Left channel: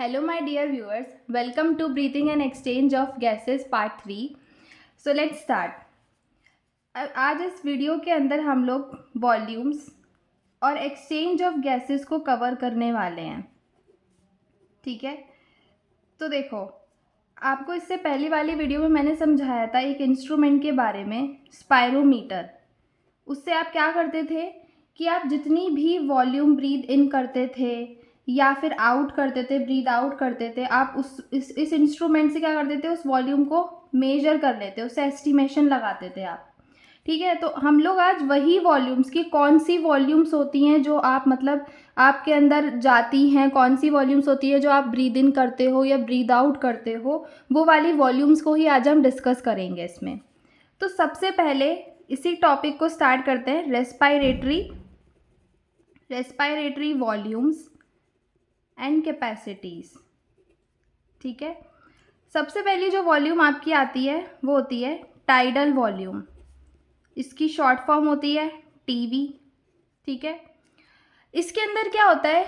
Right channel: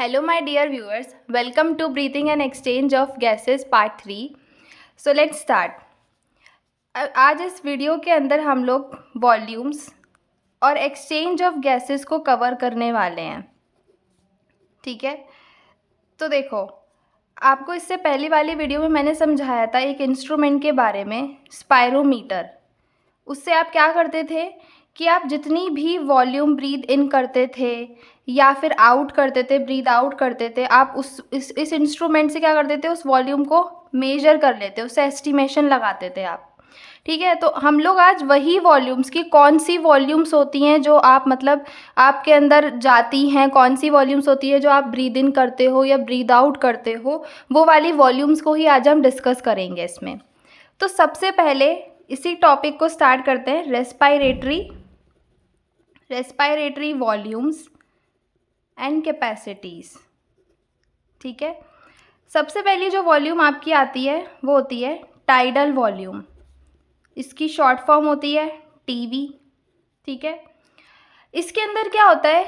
Hello, my dear viewers. Welcome to Breathing and Exchange of Gases Part 3. So let's start. आज इस video के अंदर हम लोग वॉल्यूम्स और एक्सचेंज ऑफ गैसेस को कवर करने वाले हैं. ठीक है, तो देखो, आपको इससे पहली वाली वीडियो में मैंने समझाया था एक इंस्ट्रूमेंट के बारे में, स्पायरोमीटर. उससे आप क्या करते थे कि आप जितनी भी वॉल्यूम ब्रीद इन करते थे या फिर आउट करते थे, ब्रीद आउट करते थे, आप इस इंस्ट्रूमेंट से क्या करते थे, उस वॉल्यूम को मेजर कर लेते, उससे एस्टिमेशन लगाते थे आप. ठीक है, तो हम लोग आज वही वॉल्यूम्स की कौन सी वॉल्यूम्स होती हैं जो आप मतलब आपके अंदर जाती हैं, कौन सी वॉल्यूम्स होती है जो आप ब्रीद इन करते हो या ब्रीद आउट करते हो, वो वाली वॉल्यूम्स को ही आज हम डिस्कस करेंगे इसमें. तो सबसे पहले इसी टॉपिक को स्टार्ट करते हैं, रेस्पायरेटरी वॉल्यूम्स एंड कैपेसिटीज़. ठीक है, सबसे पहली जो वॉल्यूम आपकी आती है वो होती है टाइडल वॉल्यूम. इसकी शॉर्ट फॉर्म होती है टीवी. ठीक है, इसके अंदर क्या होता है,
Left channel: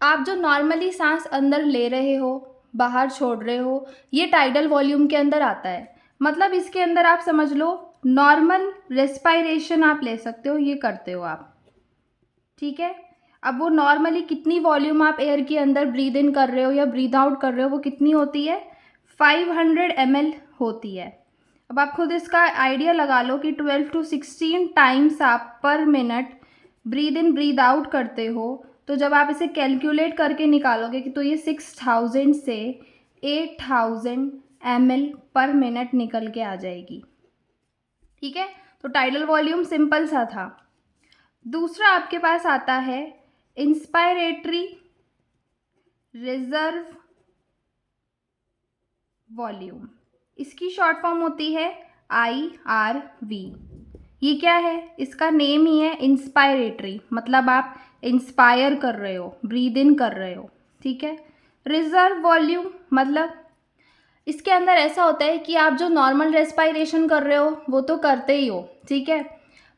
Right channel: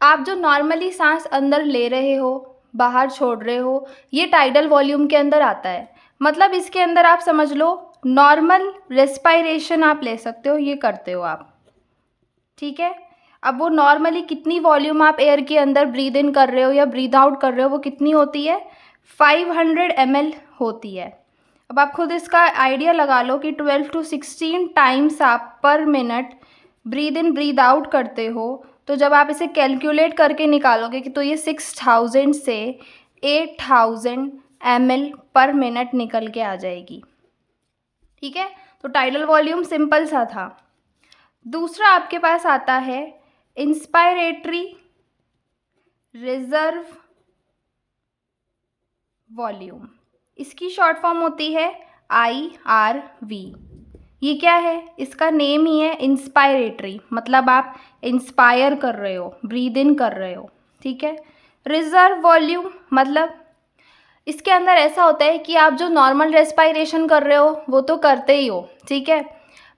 आप जो नॉर्मली सांस अंदर ले रहे हो, बाहर छोड़ रहे हो, ये टाइडल वॉल्यूम के अंदर आता है. मतलब इसके अंदर आप समझ लो नॉर्मल रेस्पायरेशन आप ले सकते हो, ये करते हो आप. ठीक है, अब वो नॉर्मली कितनी वॉल्यूम आप एयर के अंदर ब्रीद इन कर रहे हो या ब्रीद आउट कर रहे हो, वो कितनी होती है, 500 ml होती है. अब आप खुद इसका आइडिया लगा लो कि 12 to 16 टाइम्स आप पर minute breathe in breathe out करते हो. तो जब आप इसे कैलकुलेट करके निकालोगे कि तो ये 6000 से 8000 ml पर मिनट निकल के आ जाएगी. ठीक है, तो टाइडल वॉल्यूम सिंपल सा था. दूसरा आपके पास आता है इंस्पायरेटरी रिजर्व वॉल्यूम. इसकी शॉर्ट फॉर्म होती है IRV. ये क्या है, इसका नेम ही है इंस्पायरेटरी, मतलब आप इंस्पायर कर रहे हो, ब्रीद इन कर रहे हो. ठीक है, रिजर्व वॉल्यूम मतलब इसके अंदर ऐसा होता है कि आप जो नॉर्मल रेस्पायरेशन कर रहे हो वो तो करते ही हो. ठीक है,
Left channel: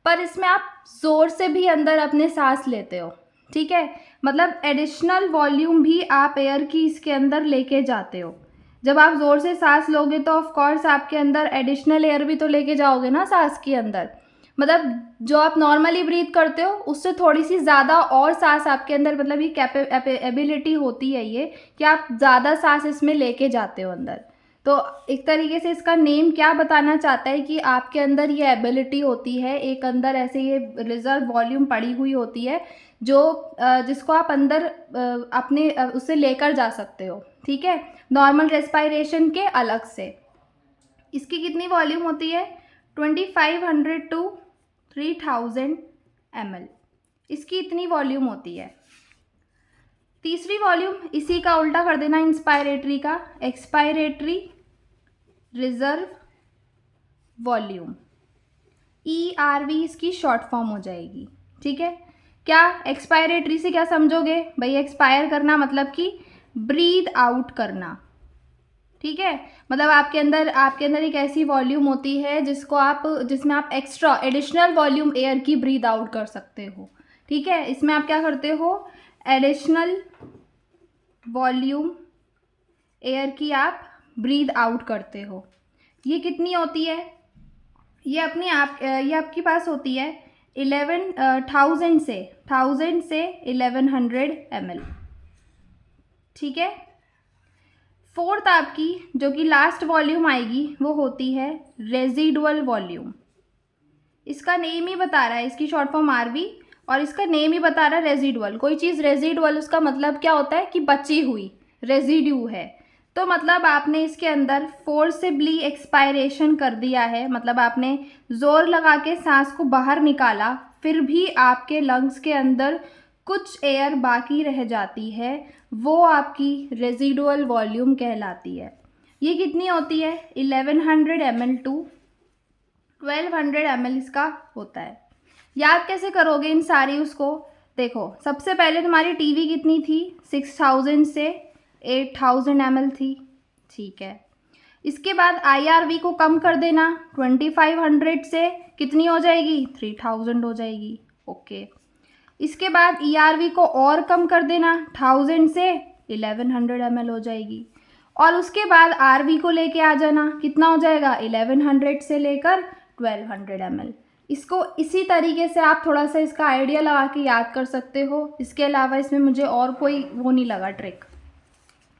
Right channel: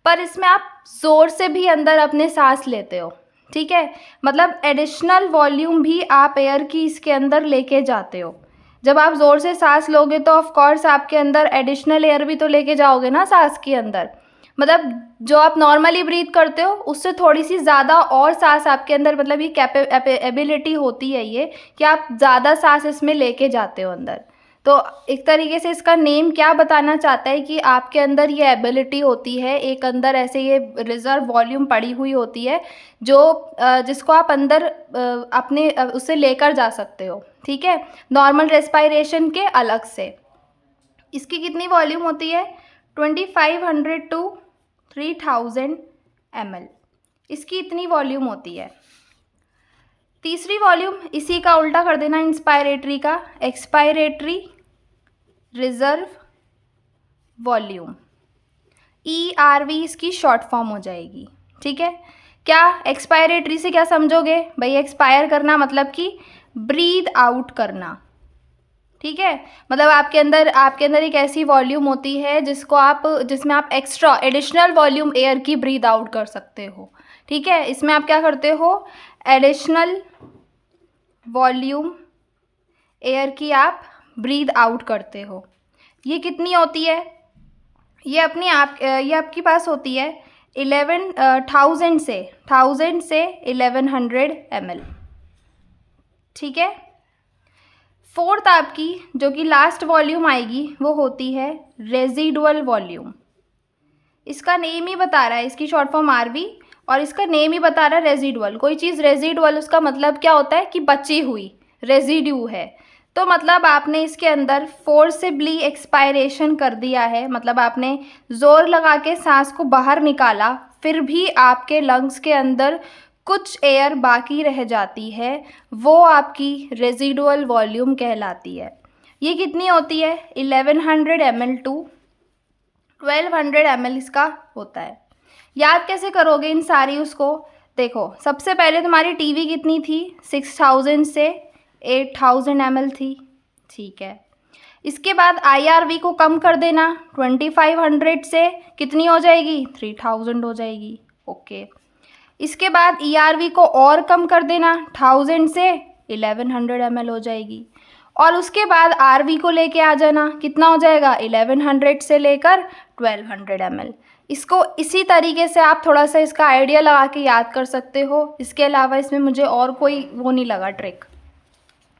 पर इसमें आप ज़ोर से भी अंदर अपने सांस लेते हो. ठीक है, मतलब एडिशनल वॉल्यूम भी आप एयर की इसके अंदर लेके जाते हो. जब आप ज़ोर से सांस लोगे तो ऑफ कोर्स आपके अंदर एडिशनल एयर भी तो लेके जाओगे ना सांस के अंदर. मतलब जो आप नॉर्मली ब्रीथ करते हो उससे थोड़ी सी ज़्यादा और सांस आपके अंदर, मतलब ये एबिलिटी होती है ये कि आप ज़्यादा सांस इसमें लेके जाते हो अंदर. तो एक तरीके से इसका नेम क्या बताना चाहता है कि आपके अंदर ये एबिलिटी होती है, एक अंदर ऐसे ये रिजर्व वॉल्यूम पड़ी हुई होती है जो जिसको आप अंदर अपने उससे लेकर जा सकते हो. ठीक है, नॉर्मल रेस्पायरेशन के अलग से. इसकी कितनी वॉल्यूम होती है, 2500 to 3000 ml. इसकी इतनी वॉल्यूम होती है. तीसरी वॉल्यूम इसी का उल्टा कर देना इंस्पायरेटरी का, एक्सपायरेटरी रिजर्व वॉल्यूम. ERV इसकी शॉर्ट फॉर्म हो जाएगी. ठीक है, क्या एक्सपायरेटरी से क्या समझोगे भाई, एक्सपायर करना मतलब कि ब्रीद आउट करना. ठीक है, मतलब आपके अंदर एक ऐसी वॉल्यूम होती है जिसमें आप एक्स्ट्रा एडिशनल वॉल्यूम एयर की ब्रीद आउट कर सकते हो. ठीक है, इसमें आप क्या करते हो, एडिशनल वॉल्यूम एयर की आप ब्रीद आउट करते हो. ये कितनी होती है, ये आपके पास होती है 1000 से 1100 ml. ठीक है, फोर्थ आपकी जो कि लास्ट वॉल्यूम आएगी वो होती है रेजिडुअल वॉल्यूम. इसका नेम ही बता रहा है, इसकी शॉर्ट फॉर्म RV, और इसका नेम ही बता रहा है रेजिडुअल. कोई चीज़ रेजिडुअल उसका मतलब क्या होता है कि बची हुई, रेजिड्यू है. तो मतलब आपने इसके अंदर फोर्सिबली एक्सपायरेशन कर दिया है, मतलब आपने ज़ोर लगा के सांस को बाहर निकाला, फिर भी आपके लंग्स के अंदर कुछ एयर बाकी रह जाती है, वो आपकी रेजिडुअल वॉल्यूम कहलाती है. ये कितनी होती है, 1100 ml to 1200 ml इसका होता है. याद कैसे करोगे इन सारी उसको, देखो सबसे पहले तुम्हारी टीवी कितनी थी, 6000 से 8000 ml थी. ठीक है, इसके बाद IRV को कम कर देना, 2500 से कितनी हो जाएगी, 3000 हो जाएगी. ओके, इसके बाद ERV को और कम कर देना, 1000 से 1100 ml हो जाएगी। और उसके बाद RV को लेके आ जाना, कितना हो जाएगा 1100 से लेकर 1200 ml। इसको इसी तरीके से आप थोड़ा सा इसका आइडिया लगा के याद कर सकते हो। इसके अलावा इसमें मुझे और कोई वो नहीं लगा ट्रिक।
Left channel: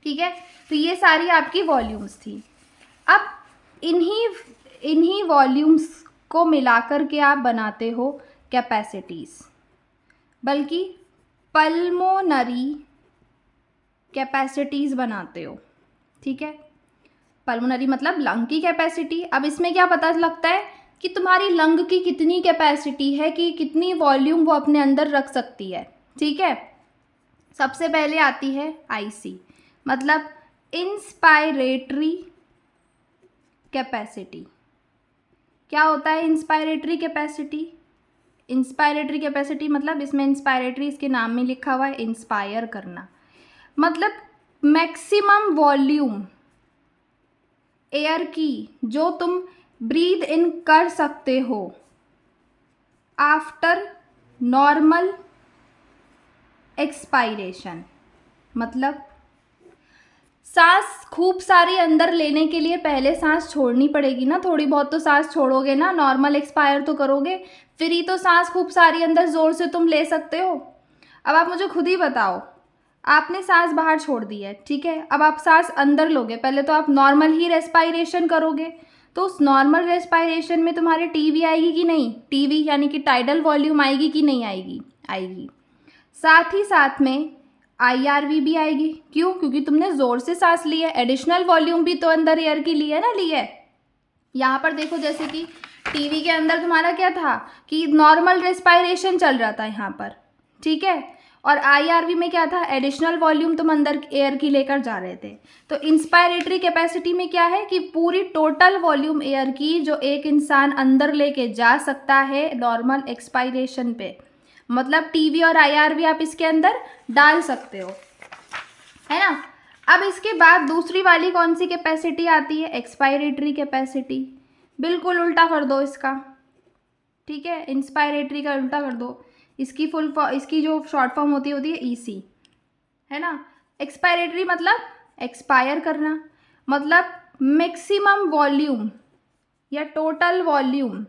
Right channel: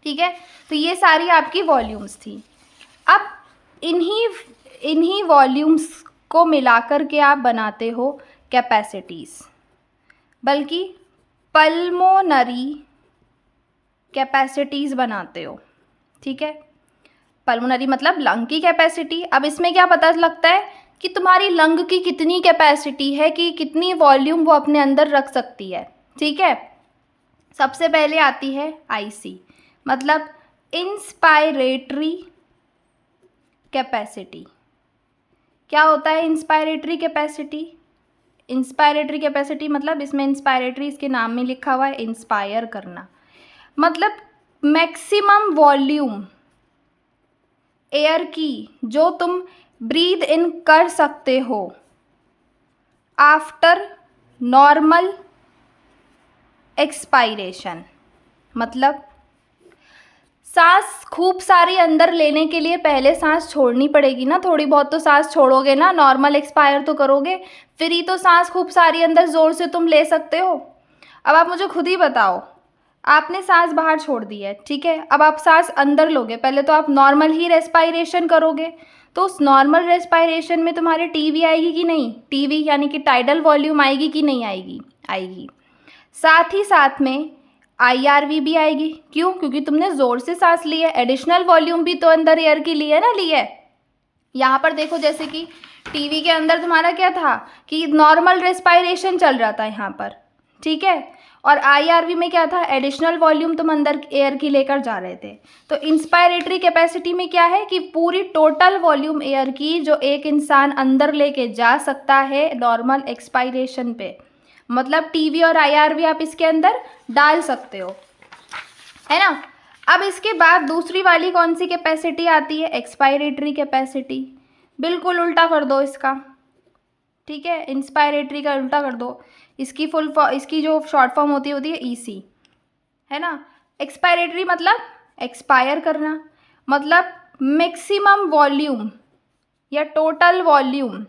ठीक है, तो ये सारी आपकी वॉल्यूम्स थी। अब इन्हीं वॉल्यूम्स को मिलाकर के आप बनाते हो कैपेसिटीज़, बल्कि पल्मोनरी कैपेसिटीज़ बनाते हो। ठीक है, पल्मोनरी मतलब लंग की कैपेसिटी। अब इसमें क्या पता लगता है कि तुम्हारी लंग की कितनी कैपेसिटी है, कि कितनी वॉल्यूम वो अपने अंदर रख सकती है। ठीक है, सबसे पहले आती है IC, मतलब इंस्पायरेटरी कैपेसिटी। क्या होता है इंस्पायरेटरी कैपेसिटी? इंस्पायरेटरी कैपेसिटी मतलब इसमें इंस्पायरेटरी इसके नाम में लिखा हुआ है, इंस्पायर करना, मतलब मैक्सिमम वॉल्यूम एयर की जो तुम ब्रीद इन कर सकते हो आफ्टर नॉर्मल एक्सपायरेशन। मतलब सांस खूब सारी अंदर लेने के लिए पहले सांस छोड़नी पड़ेगी ना, थोड़ी बहुत तो सांस छोड़ोगे ना, नॉर्मल एक्सपायर तो करोगे, फिर ही तो सांस खूब सारी अंदर ज़ोर से तुम ले सकते हो। अब आप मुझे खुद ही बताओ, आपने सांस बाहर छोड़ दी है, ठीक है, अब आप सांस अंदर लोगे, पहले तो आप नॉर्मल ही रेस्पायरेशन करोगे, तो उस नॉर्मल रेस्पायरेशन में तुम्हारे टीवी आएगी कि नहीं? टीवी यानी कि टाइडल वॉल्यूम आएगी कि नहीं आएगी? आएगी। साथ ही साथ में IRV भी आएगी। क्यों? क्योंकि तुमने ज़ोर से सांस ली है, एडिशनल वॉल्यूम भी तो अंदर एयर की ली है ना, ली है। यहाँ पर देखो, जैसे कि टीवी के अंदर तुम्हारा क्या था कि नॉर्मल रेस्पायरेशन चल रहा था यहाँ पर, ठीक है, और IRV में क्या था, एडिशनल वॉल्यूम तुम अंदर एयर की लेकर जा रहे थे। तो इंस्पायरेटरी कैपेसिटी में क्या है कि पूरी टोटल वॉल्यूम एयर की जो एक इंसान अंदर लेके जा सकता है नॉर्मल एक्सपायरेशन पे, मतलब टीवी और IRV आप इसके अंदर डाल सकते हो, है ना। अब इसके बाद दूसरी वाली कौन सी कैपेसिटी आती है? Expiratory capacity. बिल्कुल उल्टा कर दो इसका, ठीक है, इंस्पायरेटरी का उल्टा कर दो, इसकी जो शॉर्ट फॉर्म होती है EC, है ना। एक्सपायरेटरी मतलब एक्सपायर करना, मतलब मैक्सिमम वॉल्यूम या टोटल वॉल्यूम,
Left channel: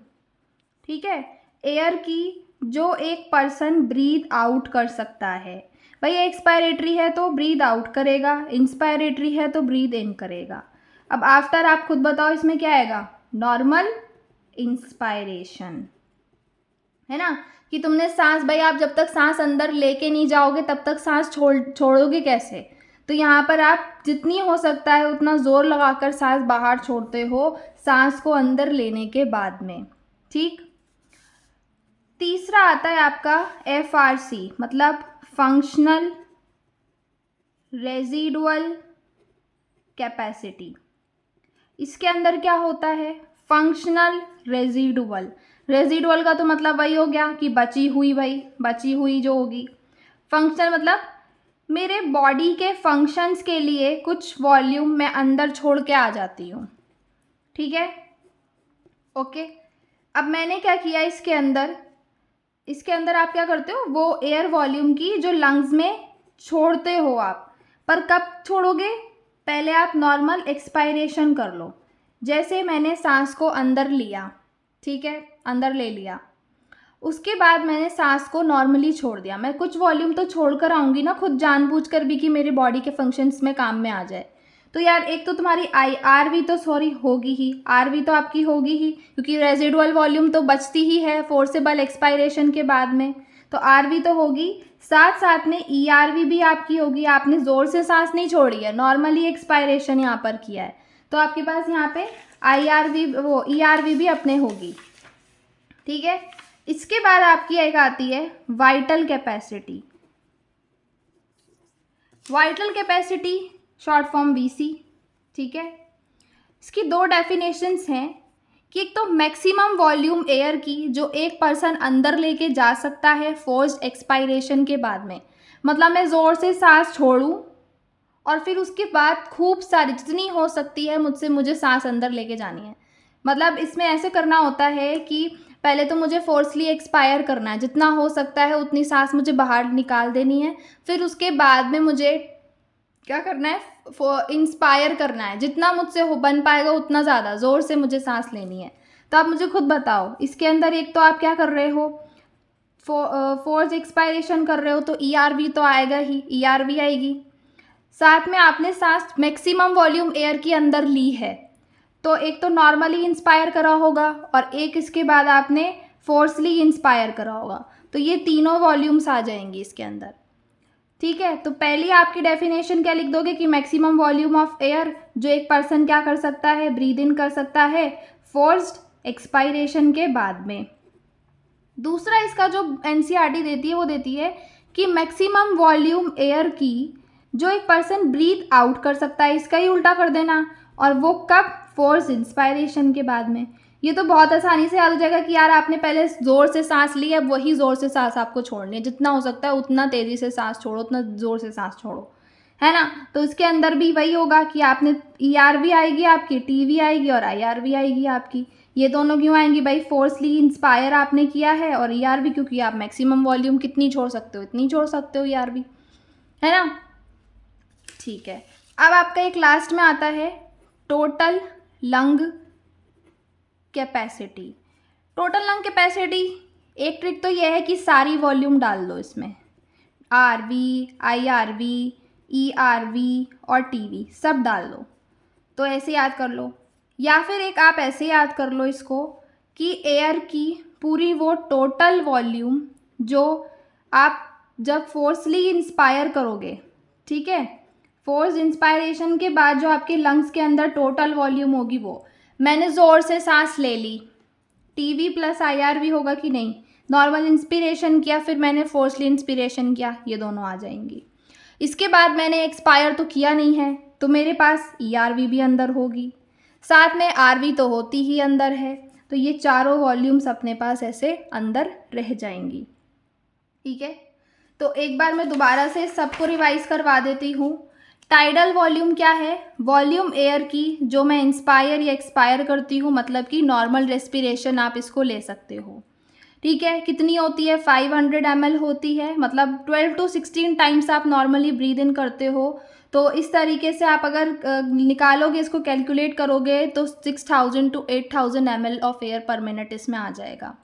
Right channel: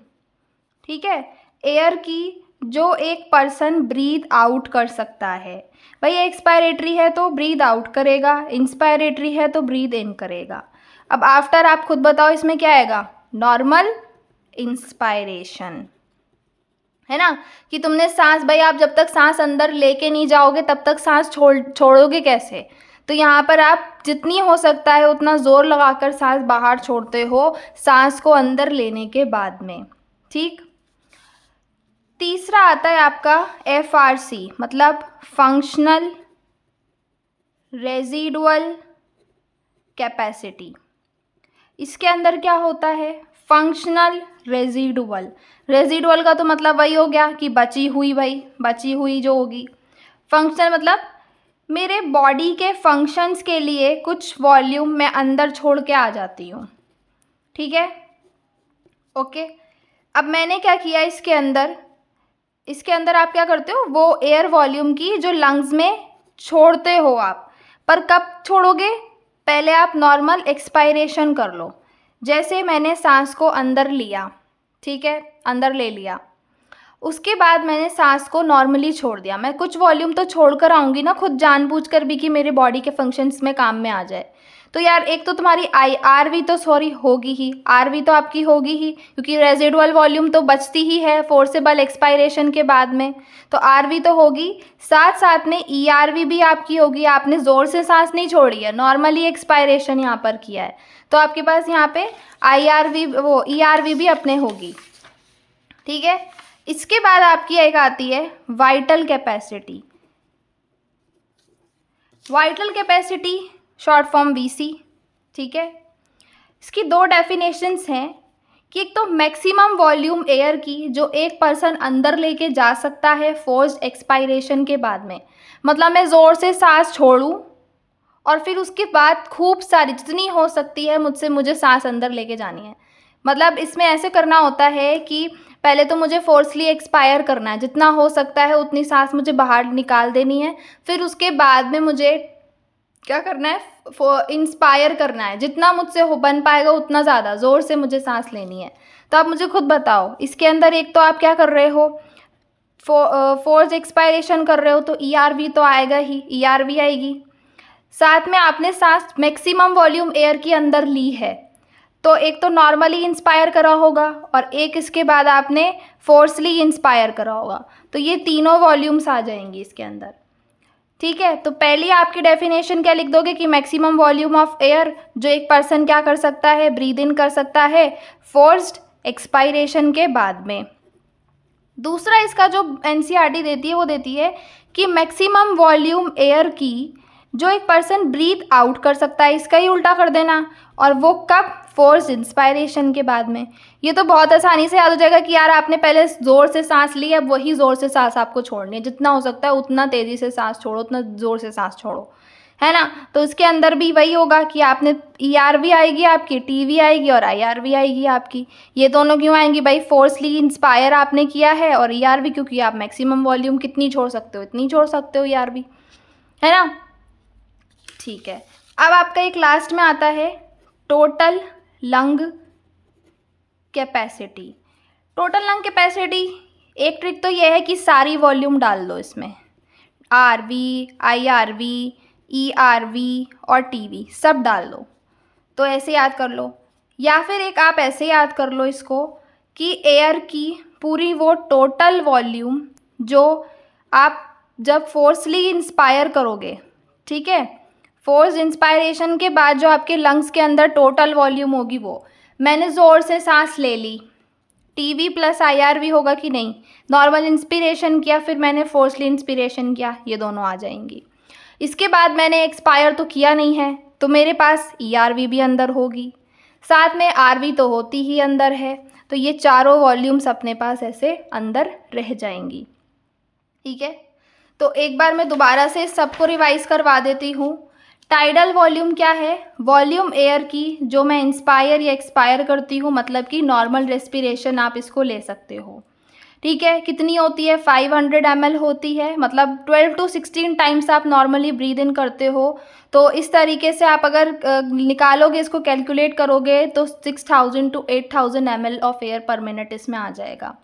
ठीक है, एयर की जो एक पर्सन ब्रीथ आउट कर सकता है। भाई एक्सपायरेटरी है तो ब्रीथ आउट करेगा, इंस्पायरेटरी है तो ब्रीथ इन करेगा। अब आफ्टर आप खुद बताओ इसमें क्या आएगा? नॉर्मल इंस्पायरेशन, है ना, कि तुमने सांस, भाई आप जब तक सांस अंदर लेके नहीं जाओगे तब तक सांस छोड़ोगे कैसे? तो यहाँ पर आप जितनी हो सकता है उतना ज़ोर लगाकर सांस बाहर छोड़ते हो सांस को अंदर लेने के बाद में, ठीक। तीसरा आता है आपका FRC, मतलब फंक्शनल रेजिडुअल कैपेसिटी। इसके अंदर क्या होता है? फंक्शनल रेजिडुअल का तो मतलब वही हो गया कि बची हुई, भाई बची हुई जो होगी। फंक्शनल मतलब मेरे बॉडी के फंक्शंस के लिए कुछ वॉल्यूम मैं अंदर छोड़ के आ जाती हूँ, ठीक है, ओके। अब मैंने क्या किया इसके अंदर आप क्या करते हो, वो एयर वॉल्यूम की जो लंग्स में छोड़ते हो आप, पर कब छोड़ोगे? पहले आप नॉर्मल एक्सपायरेशन कर लो। जैसे मैंने सांस को अंदर लिया, ठीक है, अंदर ले लिया, उसके बाद मैंने सांस को नॉर्मली छोड़ दिया। मैं कुछ वॉल्यूम तो छोड़ कर आऊँगी ना, खुद जानबूझकर भी, कि मेरे बॉडी के फंक्शंस में काम में आ जाए। तो यार एक तो तुम्हारी RV तो होगी ही, RV तो आपकी होगी ही, क्योंकि रेजिडुअल वॉल्यूम तो बचती ही है फोर्सेबल एक्सपायरेशन के बाद में, तो RV तो होगी, साथ साथ में ERV भी आपकी होगी। आपने ज़ोर से सांस नहीं छोड़ी है, नॉर्मली एक्सपायरेशन यहाँ पर किया है, तो आपके पास यहाँ पे ERV भी अपने होगी, ठीक है। इसके बाद आपकी एक आती है vital capacity. Vital capacity short form VC, ठीक है। इसकी दो डेफिनेशंस हैं कि एक तो मैक्सिमम वॉल्यूम एयर की जो एक पर्सन अंदर लेके जा सकता है फोर्स्ड एक्सपायरेशन के बाद में, मतलब मैं ज़ोर से सांस छोड़ूं और फिर उसके बाद खूब सारी जितनी हो सकती है मुझे सांस अंदर लेके जानी है। मतलब इसमें ऐसे करना होता है कि पहले तो मुझे फोर्सली एक्सपायर करना है, जितना हो सकता है उतनी सांस मुझे बाहर निकाल देनी है, फिर उसके बाद में मुझे क्या करना है, इंस्पायर करना है, जितना मुझसे हो बन पाएगा उतना ज़्यादा ज़ोर से मुझे सांस लेनी है। तो आप मुझे खुद बताओ, इसके अंदर एक तो आप क्या कर रहे हो, फोर्स एक्सपायरेशन कर रहे हो, तो ERV तो आएगा ही, ERV आएगी। साथ में आपने सांस मैक्सिमम वॉल्यूम एयर के अंदर ली है, तो एक तो नॉर्मली इंस्पायर करा होगा और एक इसके बाद आपने फोर्सली इंस्पायर करा होगा, तो ये तीनों वॉल्यूम्स आ जाएंगी इसके अंदर। ठीक है, तो पहली आपकी डेफिनेशन क्या लिख दोगे कि मैक्सिमम वॉल्यूम ऑफ एयर जो एक पर्सन क्या कर सकता है, ब्रीद इन कर सकता है फोर्स्ड एक्सपायरेशन के बाद में। दूसरा इसका जो NCERT देती है वो देती है कि मैक्सिमम वॉल्यूम एयर की जो एक पर्सन ब्रीथ आउट कर सकता है, इसका ही उल्टा कर देना, और वो कब, फोर्स इंस्पायरेशन के बाद में। ये तो बहुत आसानी से याद हो जाएगा कि यार आपने पहले ज़ोर से सांस ली, अब वही ज़ोर से सांस आपको छोड़नी है, जितना हो सकता है उतना तेज़ी से सांस छोड़ो, उतना ज़ोर से सांस छोड़ो, है ना। तो इसके अंदर भी वही होगा कि आपने ERV आएगी आपकी, TV आएगी और IRV आएगी आपकी। ये दोनों क्यों आएंगी भाई, फोर्सली इंस्पायर आपने किया है, और ERV क्योंकि आप मैक्सिमम वॉल्यूम कितनी छोड़ सकते हो, इतनी छोड़ सकते हो ERV, है ना। ठीक है, अब आपका एक लास्ट में आता है total lung capacity. Total lung capacity, एक ट्रिक तो यह है कि सारी वॉल्यूम डाल दो इसमें, RV, IRV, ERV और TV सब डाल दो, तो ऐसे याद कर लो। या फिर एक आप ऐसे याद कर लो इसको कि एयर की पूरी वो टोटल वॉल्यूम जो आप जब फोर्सली इंस्पायर करोगे, ठीक है, फोर्स इंस्पायरेशन के बाद जो आपके लंग्स के अंदर टोटल वॉल्यूम होगी, वो मैंने ज़ोर से सांस ले ली, TV प्लस IRV होगा कि नहीं, नॉर्मल इंस्पिरेशन किया फिर मैंने फोर्सली इंस्पिरेशन किया, ये दोनों आ जाएंगी। इसके बाद मैंने एक्सपायर तो किया नहीं है, तो मेरे पास ERV भी अंदर होगी, साथ में RV तो होती ही अंदर है, तो ये चारों वॉल्यूम्स अपने पास ऐसे अंदर रह जाएंगी। ठीक है, तो एक बार मैं दोबारा से सबको रिवाइज करवा देती हूँ। टाइडल वॉल्यूम क्या है, वॉल्यूम एयर की जो मैं इंस्पायर या एक्सपायर करती हूँ, मतलब कि नॉर्मल रेस्पिरेशन आप इसको ले सकते हो। ठीक है, कितनी होती है, 500 ml होती है, मतलब 12 to 16 टाइम्स आप नॉर्मली ब्रीद इन करते हो। तो इस तरीके से आप अगर निकालोगे, इसको कैलकुलेट करोगे, तो 6000 to 8000 ml ऑफ एयर पर मिनट इसमें आ जाएगा।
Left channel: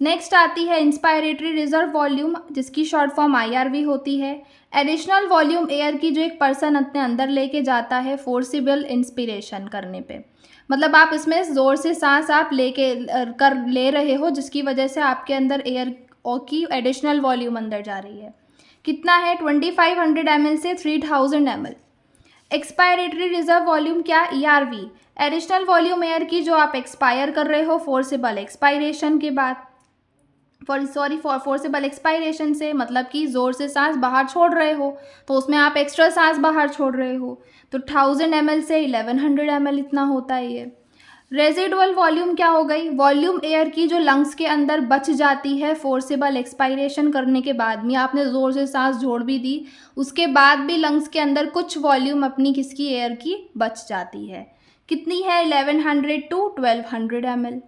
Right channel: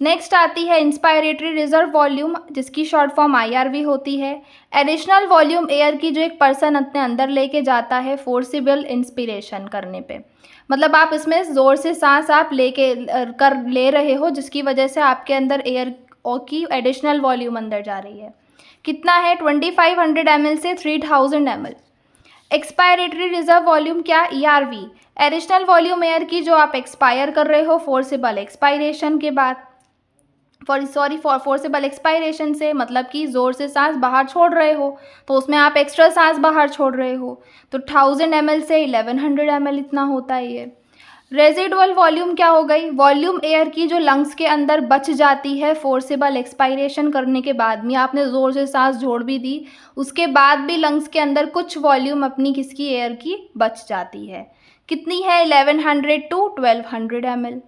नेक्स्ट आती है इंस्पायरेटरी रिजर्व वॉल्यूम, जिसकी शॉर्ट फॉर्म IRV होती है। एडिशनल वॉल्यूम एयर की जो एक पर्सन अपने अंदर लेके जाता है फोर्सिबल इंस्पिरेशन करने पे, मतलब आप इसमें ज़ोर से सांस आप ले रहे हो, जिसकी वजह से आपके अंदर एयर की एडिशनल वॉल्यूम अंदर जा रही है। कितना है, 2500 ml से 3000 ml। एक्सपायरेटरी रिजर्व वॉल्यूम क्या, ERV, एडिशनल वॉल्यूम एयर की जो आप एक्सपायर कर रहे हो फोर्सिबल एक्सपायरेशन के बाद, फोर्सिबल एक्सपायरेशन से मतलब कि ज़ोर से सांस बाहर छोड़ रहे हो, तो उसमें आप एक्स्ट्रा सांस बाहर छोड़ रहे हो, तो 1000 ml से 1100 ml इतना होता है ये। रेजिडुअल वॉल्यूम क्या हो गई, वॉल्यूम एयर की जो लंग्स के अंदर बच जाती है फोर्सिबल एक्सपायरेशन करने के बाद में, आपने ज़ोर से सांस छोड़ भी दी, उसके बाद भी लंग्स के अंदर कुछ वॉल्यूम अपनी किसकी, एयर की बच जाती है। कितनी है, 1100 to 1200 ml।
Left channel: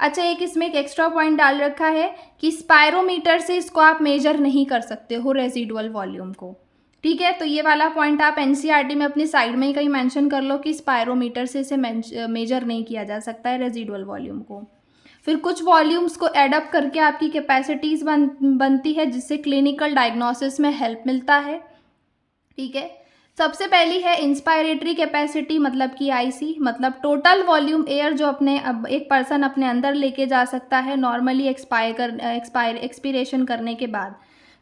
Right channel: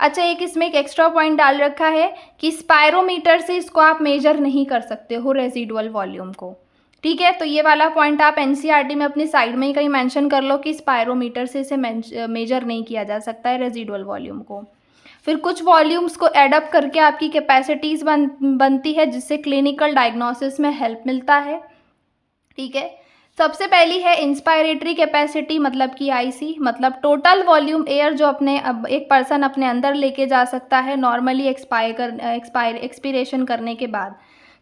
अच्छा, एक इसमें एक एक्स्ट्रा पॉइंट डाल रखा है कि स्पायरोमीटर से इसको आप मेजर नहीं कर सकते हो रेजिडुअल वॉल्यूम को। ठीक है, तो ये वाला पॉइंट आप NCERT में अपनी साइड में ही कहीं मेंशन कर लो कि स्पायरोमीटर से इसे मेजर नहीं किया जा सकता है रेजिडुअल वॉल्यूम को। फिर कुछ वॉल्यूम्स को एडअप करके आपकी कैपेसिटीज़ बनती है, जिससे क्लिनिकल डायग्नोसिस में हेल्प मिलता है। ठीक है, सबसे पहली है इंस्पायरेटरी कैपेसिटी, मतलब कि IC, मतलब टोटल वॉल्यूम एयर जो एक पर्सन अपने अंदर लेके जा सकता है नॉर्मली एक्सपायरेशन करने के बाद।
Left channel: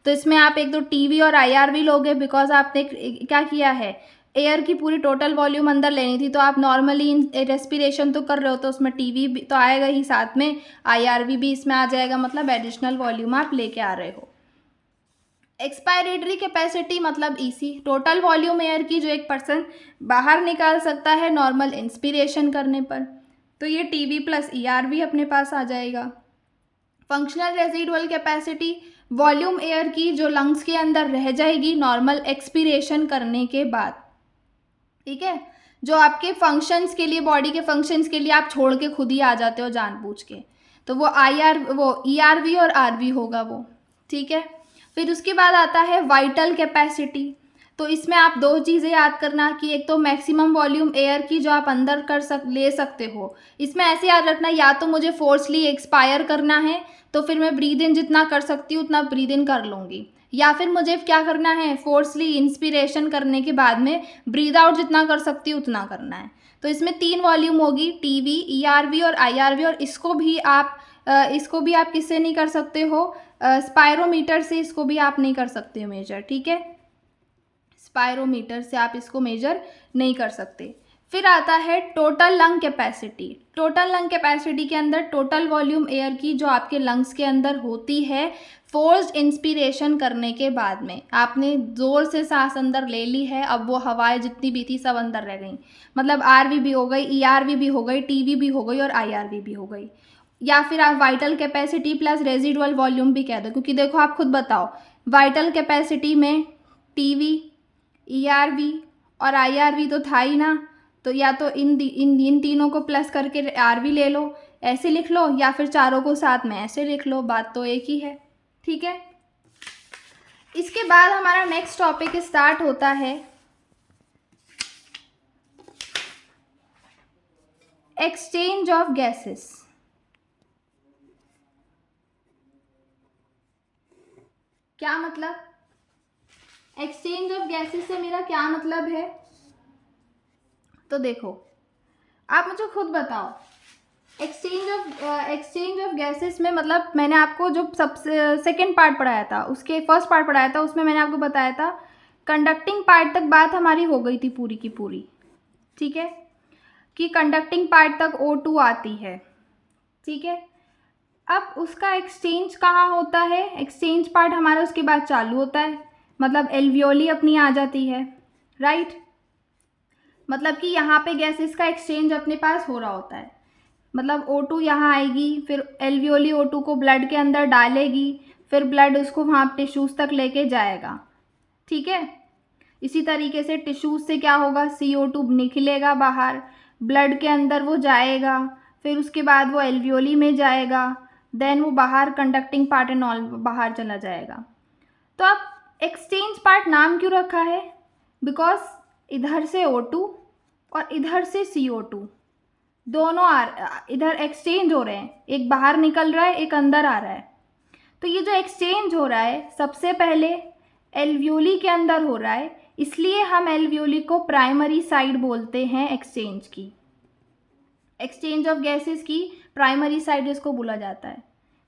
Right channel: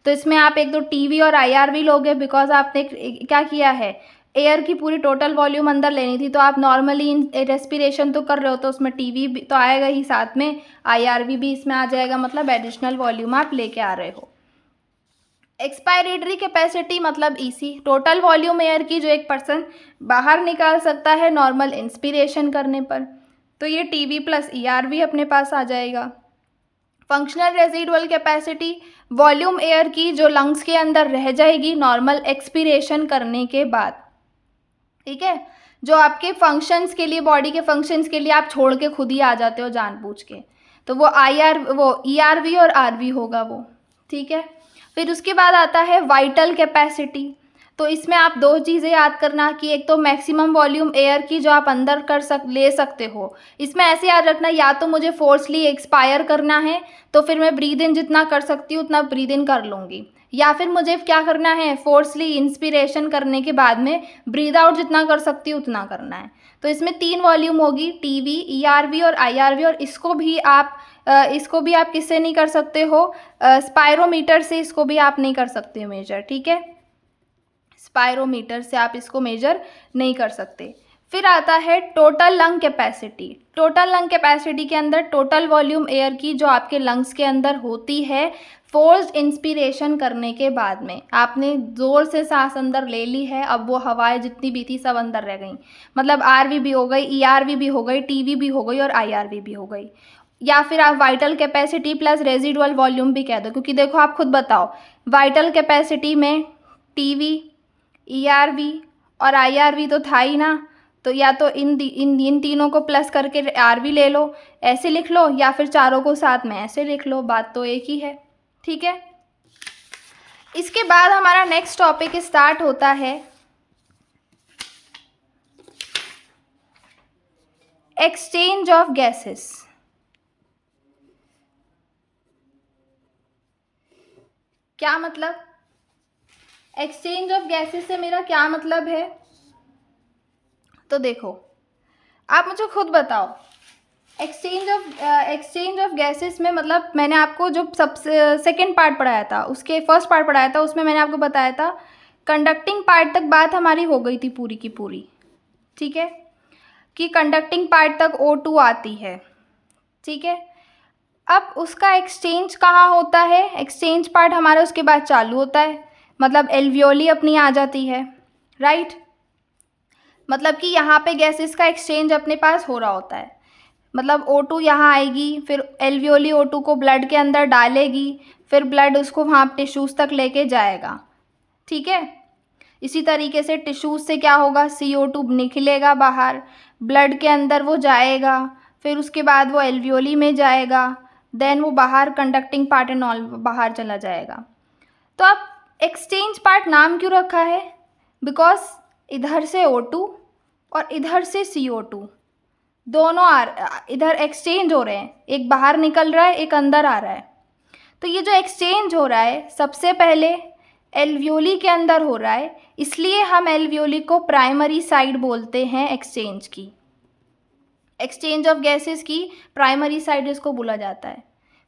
तो इसमें आप एक तो TV और IRV लोगे, बिकॉज आपने क्या किया है, एयर की पूरी टोटल वॉल्यूम अंदर लेनी थी, तो आप नॉर्मली रेस्पिरेशन तो कर रहे हो, तो उसमें TV भी तो आएगा ही, साथ में IRV भी इसमें आ जाएगा, मतलब एडिशनल वॉल्यूम आप लेके आ रहे हो। एक्सपायरेटरी कैपेसिटी मतलब EC, टोटल वॉल्यूम एयर की जो एक पर्सन बाहर निकाल सकता है नॉर्मल इंस्पिरेशन करने पर, तो ये TV प्लस ERV अपने पास आ जाएगा। Functional residual capacity, volume air की जो लंग्स के अंदर रह जाएगी नॉर्मल एक्सपिरेशन करने के बाद। ठीक है, जो आपके फंक्शंस के लिए, बॉडी के फंक्शंस के लिए आप छोड़ के खुद ही आ जाते हो जानबूझ के, तो वो ERV और RV होगा वो। ठीक है, फिर उसके बाद आता है वाइटल कैपेसिटी। तो इसमें आप दो चीज़ें याद करना कि एक तो मैक्सिमम वॉल्यूम एयर की जो आप अंदर ले सकते हो। इसमें ऐसे याद रखना, या तो मुझे फोर्सली एक्सपायर करना है तो फिर मैं ब्रीद इन जितना कर सकती हूँ उतना ब्रीद इन कर लूँगी, या फिर मुझे क्या करना है, फोर्सली इंस्पिरेशन करने के बाद में ब्रीद आउट जितना कर सकती हूँ उतना करना है। तो इसमें 3 वॉल्यूम होगी, टीवी, ईआरवी और आईआरवी। और इसको भी आप किससे नहीं कर सकते हो, स्पायरोमीटर से इसको भी आप नहीं कर सकते हो मेजर, ठीक है। स्पायरोमीटर से आप इसको मेजर नहीं कर सकते। फिर आता है total lung capacity. Total lung capacity के अंदर टोटल वॉल्यूम एयर की जो आपके लंग्स के अंदर होती है फोर्स्ड इंस्पिरेशन करने के बाद में, आपने ज़ोर से सांस अंदर ले ली है, अब वो हवाएं जितनी भी थी सब अंदर रह गई, मतलब आरवी भी हो गई, ईआरवी भी हो गई, टीवी भी हो गई और आईआरवी भी हो गई। या फिर आप vital capacity plus residual volume भी कह दो, क्योंकि देखो आप खुद बताओ, वाइटल कैपेसिटी में टीवी, ईआरवी और आईआरवी तो था ही ना, तो या तो इन तीनों को प्लस करके आरवी ले लो, ऐसे लिख लो, या फिर चारों को साथ में ऐसे लिख लो, बात तो एक ही है, ठीक है। इसके बाद हमारा नेक्स्ट टॉपिक स्टार्ट होता है एक्सचेंज ऑफ गैसेस। क्या मतलब, एक्सचेंज ऑफ गैसेस से मेरा क्या मतलब है, तो देखो आप मुझे खुद बताओ, एक्सचेंज ऑफ गैसेस में मतलब मैंने आपको जो सबसे सेकंड पार्ट पढ़ाया था, उसके फर्स्ट पार्ट पढ़ाया था, उसमें मैंने आपको बताया था कंडक्टिंग पार्ट तक बात हमारी हो गई थी पूरी की पूरी, ठीक है, कि कंडक्टिंग पार्ट तक O2 आती है, ठीक है। अब उसका एक्सचेंज कहाँ होता है, एक्सचेंज पार्ट हमारा उसके बाद चालू होता है, मतलब एल्वियोली अपनी आ जाती है, राइट। मतलब कि यहाँ पे गैसेस का एक्सचेंज अपने पास हो रहा होता है, मतलब O2 यहाँ आएगी, फिर एल्वियोली O2 को ब्लड के अंदर डालेगी, फिर ब्लड उसको वहाँ टिश्यूज़ तक लेके जाएगा, ठीक है। इसी तरीके से टिश्यूज़ से क्या होगा, CO2 निकलेगा बाहर, ब्लड के अंदर वो जाएगा, फिर उसके बाद वो एल्वियोली में जाएगा, देन वो बाहर कंडक्टिंग पार्ट एंड ऑल बाहर चला जाएगा। तो अब एक्सचेंज पार्ट नाम क्यों रखा है, बिकॉज इधर से O2 और इधर से CO2 दोनों इधर एक्सचेंज हो रहे हैं, एक बाहर निकल रहा है, एक अंदर आ रहा है। तो ये जो एक्सचेंज हो रहा है सबसे पहले एल्वियोली के अंदर हो रहा है, इसलिए हम एल्वियोली को प्राइमरी साइड बोलते हैं एक्सचेंज की, एक्सचेंज ऑफ गैसेस की प्राइमरी साइड इसको बोला जाता है।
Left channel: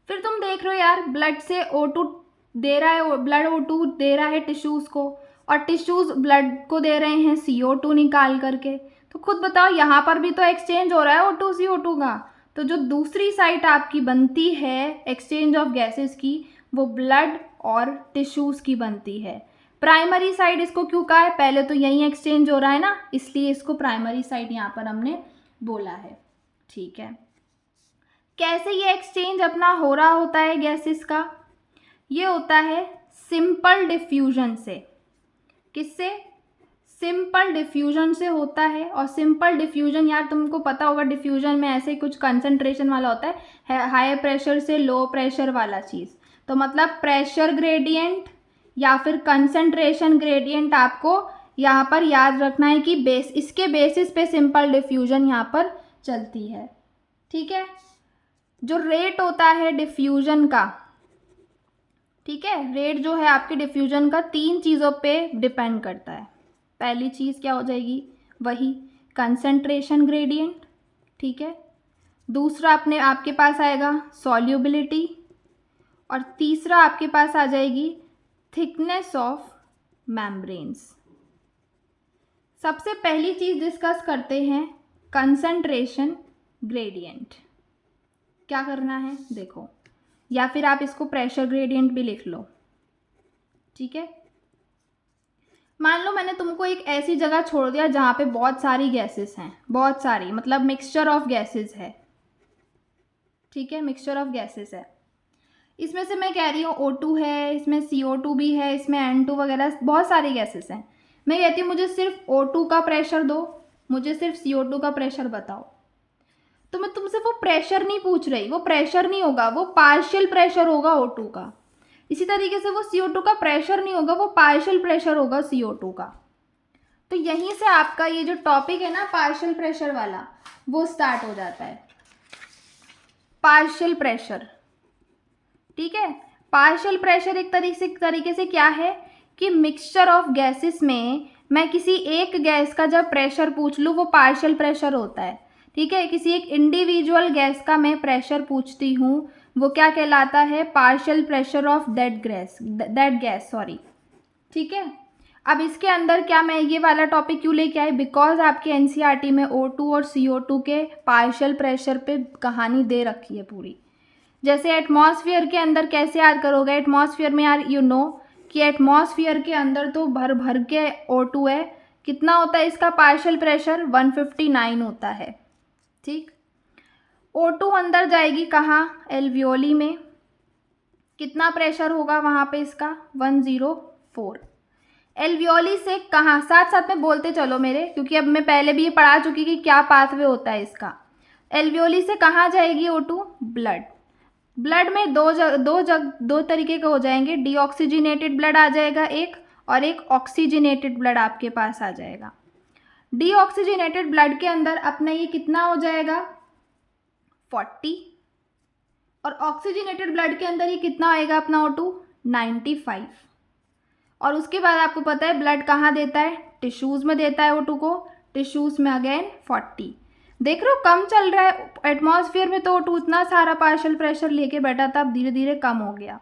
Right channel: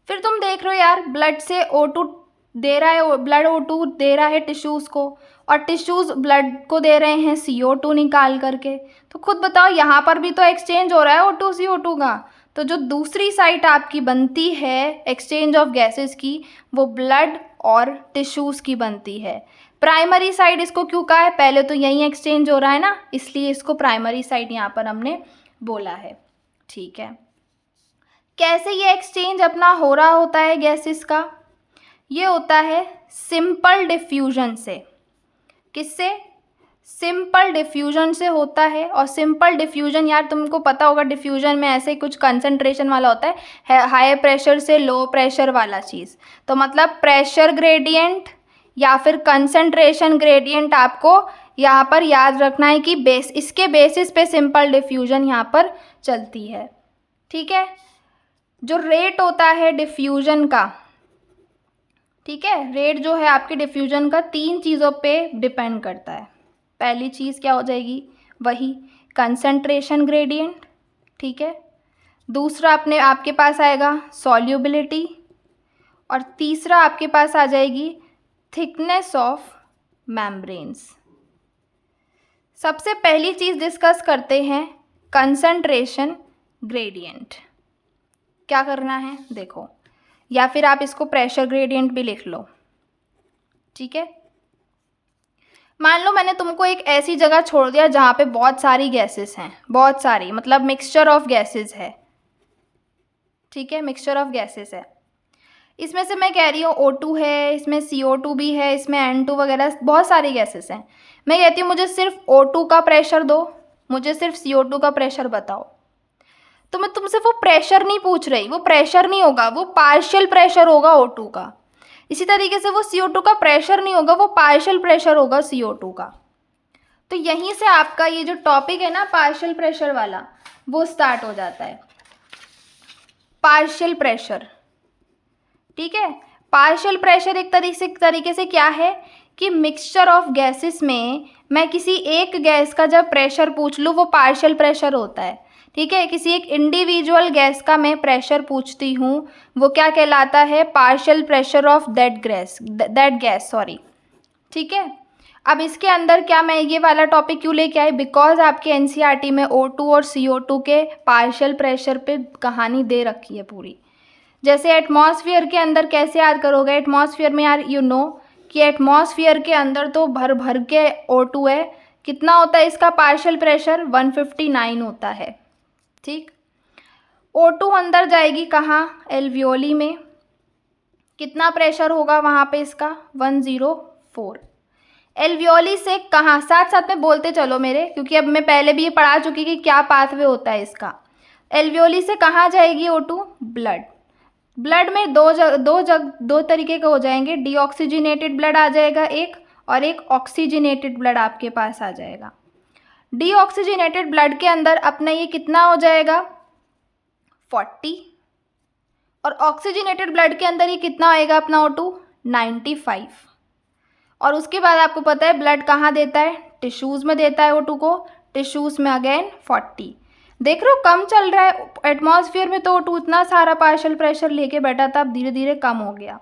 फिर तुम देख रहे हो यार, ब्लड से O2 दे रहा है, ब्लड O2 दे रहा है टिश्यूज़ को, और टिश्यूज़ ब्लड को दे रहे हैं CO2 निकाल करके। तो खुद बताओ यहाँ पर भी तो एक्सचेंज हो रहा है O2 CO2 का। तो जो दूसरी साइड आपकी बनती है एक्सचेंज ऑफ गैसेस की, वो ब्लड और टिश्यूज़ की बनती है। प्राइमरी साइड इसको क्यों कहा है, पहले तो यहीं एक्सचेंज हो रहा है ना, इसलिए इसको प्राइमरी साइड यहाँ पर हमने बोला है, ठीक है। कैसे ये एक्सचेंज अपना हो रहा होता है गैसेस का, ये होता है सिंपल डिफ्यूजन से। किससे, सिंपल डिफ्यूजन से होता है। और सिंपल डिफ्यूजन यार तुमको पता होगा, डिफ्यूजन में ऐसे कुछ कंसंट्रेशन वाला होता है, हाई प्रेशर से लो प्रेशर वाला चीज़। तो मतलब प्रेशर ग्रेडियंट या फिर कंसंट्रेशन ग्रेडियंट आपको यहाँ पर याद रखना है कि इसके बेसिस पे सिंपल डिफ्यूजन यहाँ पर चलती है, ठीक है। जो रेट होता है डिफ्यूजन का, ठीक है, रेट जो है आपके डिफ्यूजन का 3 चीज़ों पे डिपेंड करता है। पहली चीज़ क्या हो जाएगी, वही कंसंट्रेशन ग्रेडियंट, ठीक है। दूसरा आपके पास आएगा सॉल्युबिलिटी, और तीसरा आपके पास आ जाएगी थिकनेस ऑफ मेम्ब्रेन्स। सबसे पहली चीज़ डिस्कस करते हैं कंसंट्रेशन ग्रेडियंट। क्या करना है देखो, या फिर आप इसको प्रेशर ग्रेडियंट भी लिख लो, ठीक है। मान लो मैंने तुमको एक ऐसी जगह छोड़ दिया जहाँ पे बहुत सारी गैसेस हैं, बहुत सारी मतलब मिक्सचर ऑफ गैसेस है, ठीक है, मिक्सचर ऑफ गैसेस है। इसमें से मैं कह रही हूँ O2 है, इसमें CO2 भी है, इसमें N2 वगैरह बहुत सारी गैसेस हैं। मैं कहती हूँ मुझे सिर्फ O2 का प्रेशर दो, मुझे सिर्फ CO2 का प्रेशर बताओ। तो मैं तुमसे वो प्रेशर नहीं पूछ रही, वो प्रेशर नहीं होगा, वो पार्शियल प्रेशर होगा O2 का। इसी तरीके से वो CO2 का प्रेशर नहीं होगा, वो पार्शियल प्रेशर होगा CO2 का। तो यहीं से आपका ये जो टॉपिक है ना पार्शियल प्रेशर वाला, वो स्टार्ट हो जाता है। पार्शियल प्रेशर, ठीक है। पार्शियल प्रेशर एक तरीके से क्या है कि मिक्सचर ऑफ गैसेस में मैं किसी एक गैस का जब प्रेशर पूछ लूँ वो पार्शियल प्रेशर होता है, ठीक है। किसी एक इंडिविजुअल गैस का मैं प्रेशर पूछती हूँ वो क्या कहलाता है, partial pressure of that gas, sorry, ठीक है। अब इसके अंदर क्या मैं ये वाला टॉपिक क्यों लेके आई, बिकॉज आपके NCERT में O2 और CO2 के पार्शियल प्रेशर पे कहानी दे रखी है पूरी। जैसे एटमॉस्फेयर के अंदर कैसे याद करोगे, एटमॉस्फेयर में यार यू नो कि एटमॉस्फेयर के अंदर तो भर भर के O2 है, कितना होता है इसका पार्शियल प्रेशर, 159 होता है, ठीक। O2 अंदर जाएगी कहाँ, एल्वियोली में, कितना प्रेशर होगा वहाँ पे इसका, 104। एल्वियोली से कहाँ, साथ साथ में बोलते चलो मेरे, क्योंकि अब मैं पहले भी ये पढ़ा चुकी कि क्या पाथवे होता है इसका। एल्वियोली से कहाँ जाएगी O2, ब्लड। ब्लड में दो तरीके के हो जाएंगे, डीऑक्सीजनेटेड ब्लड आ जाएगा एक, और एक ऑक्सीजनेटेड ब्लड आपके पास आ जाएगा। डीऑक्सीजनेटेड ब्लड के अंदर अपना ये कितना हो जाएगा, 40, और ऑक्सीजनेटेड ब्लड के अंदर ये कितना आएगा अपना O2, 95। और उसके बाद आपको पता है ब्लड कहाँ देता है, टिश्यूज़ में देता है O2 को, टिश्यूज़ में अगेन 40। देख रहे हो कम चल रहा है एटमॉस्फेयर में, तो O2 इतना सारा पार्शियल प्रेशर लेके बैठा था, अब धीरे धीरे कम हो गया।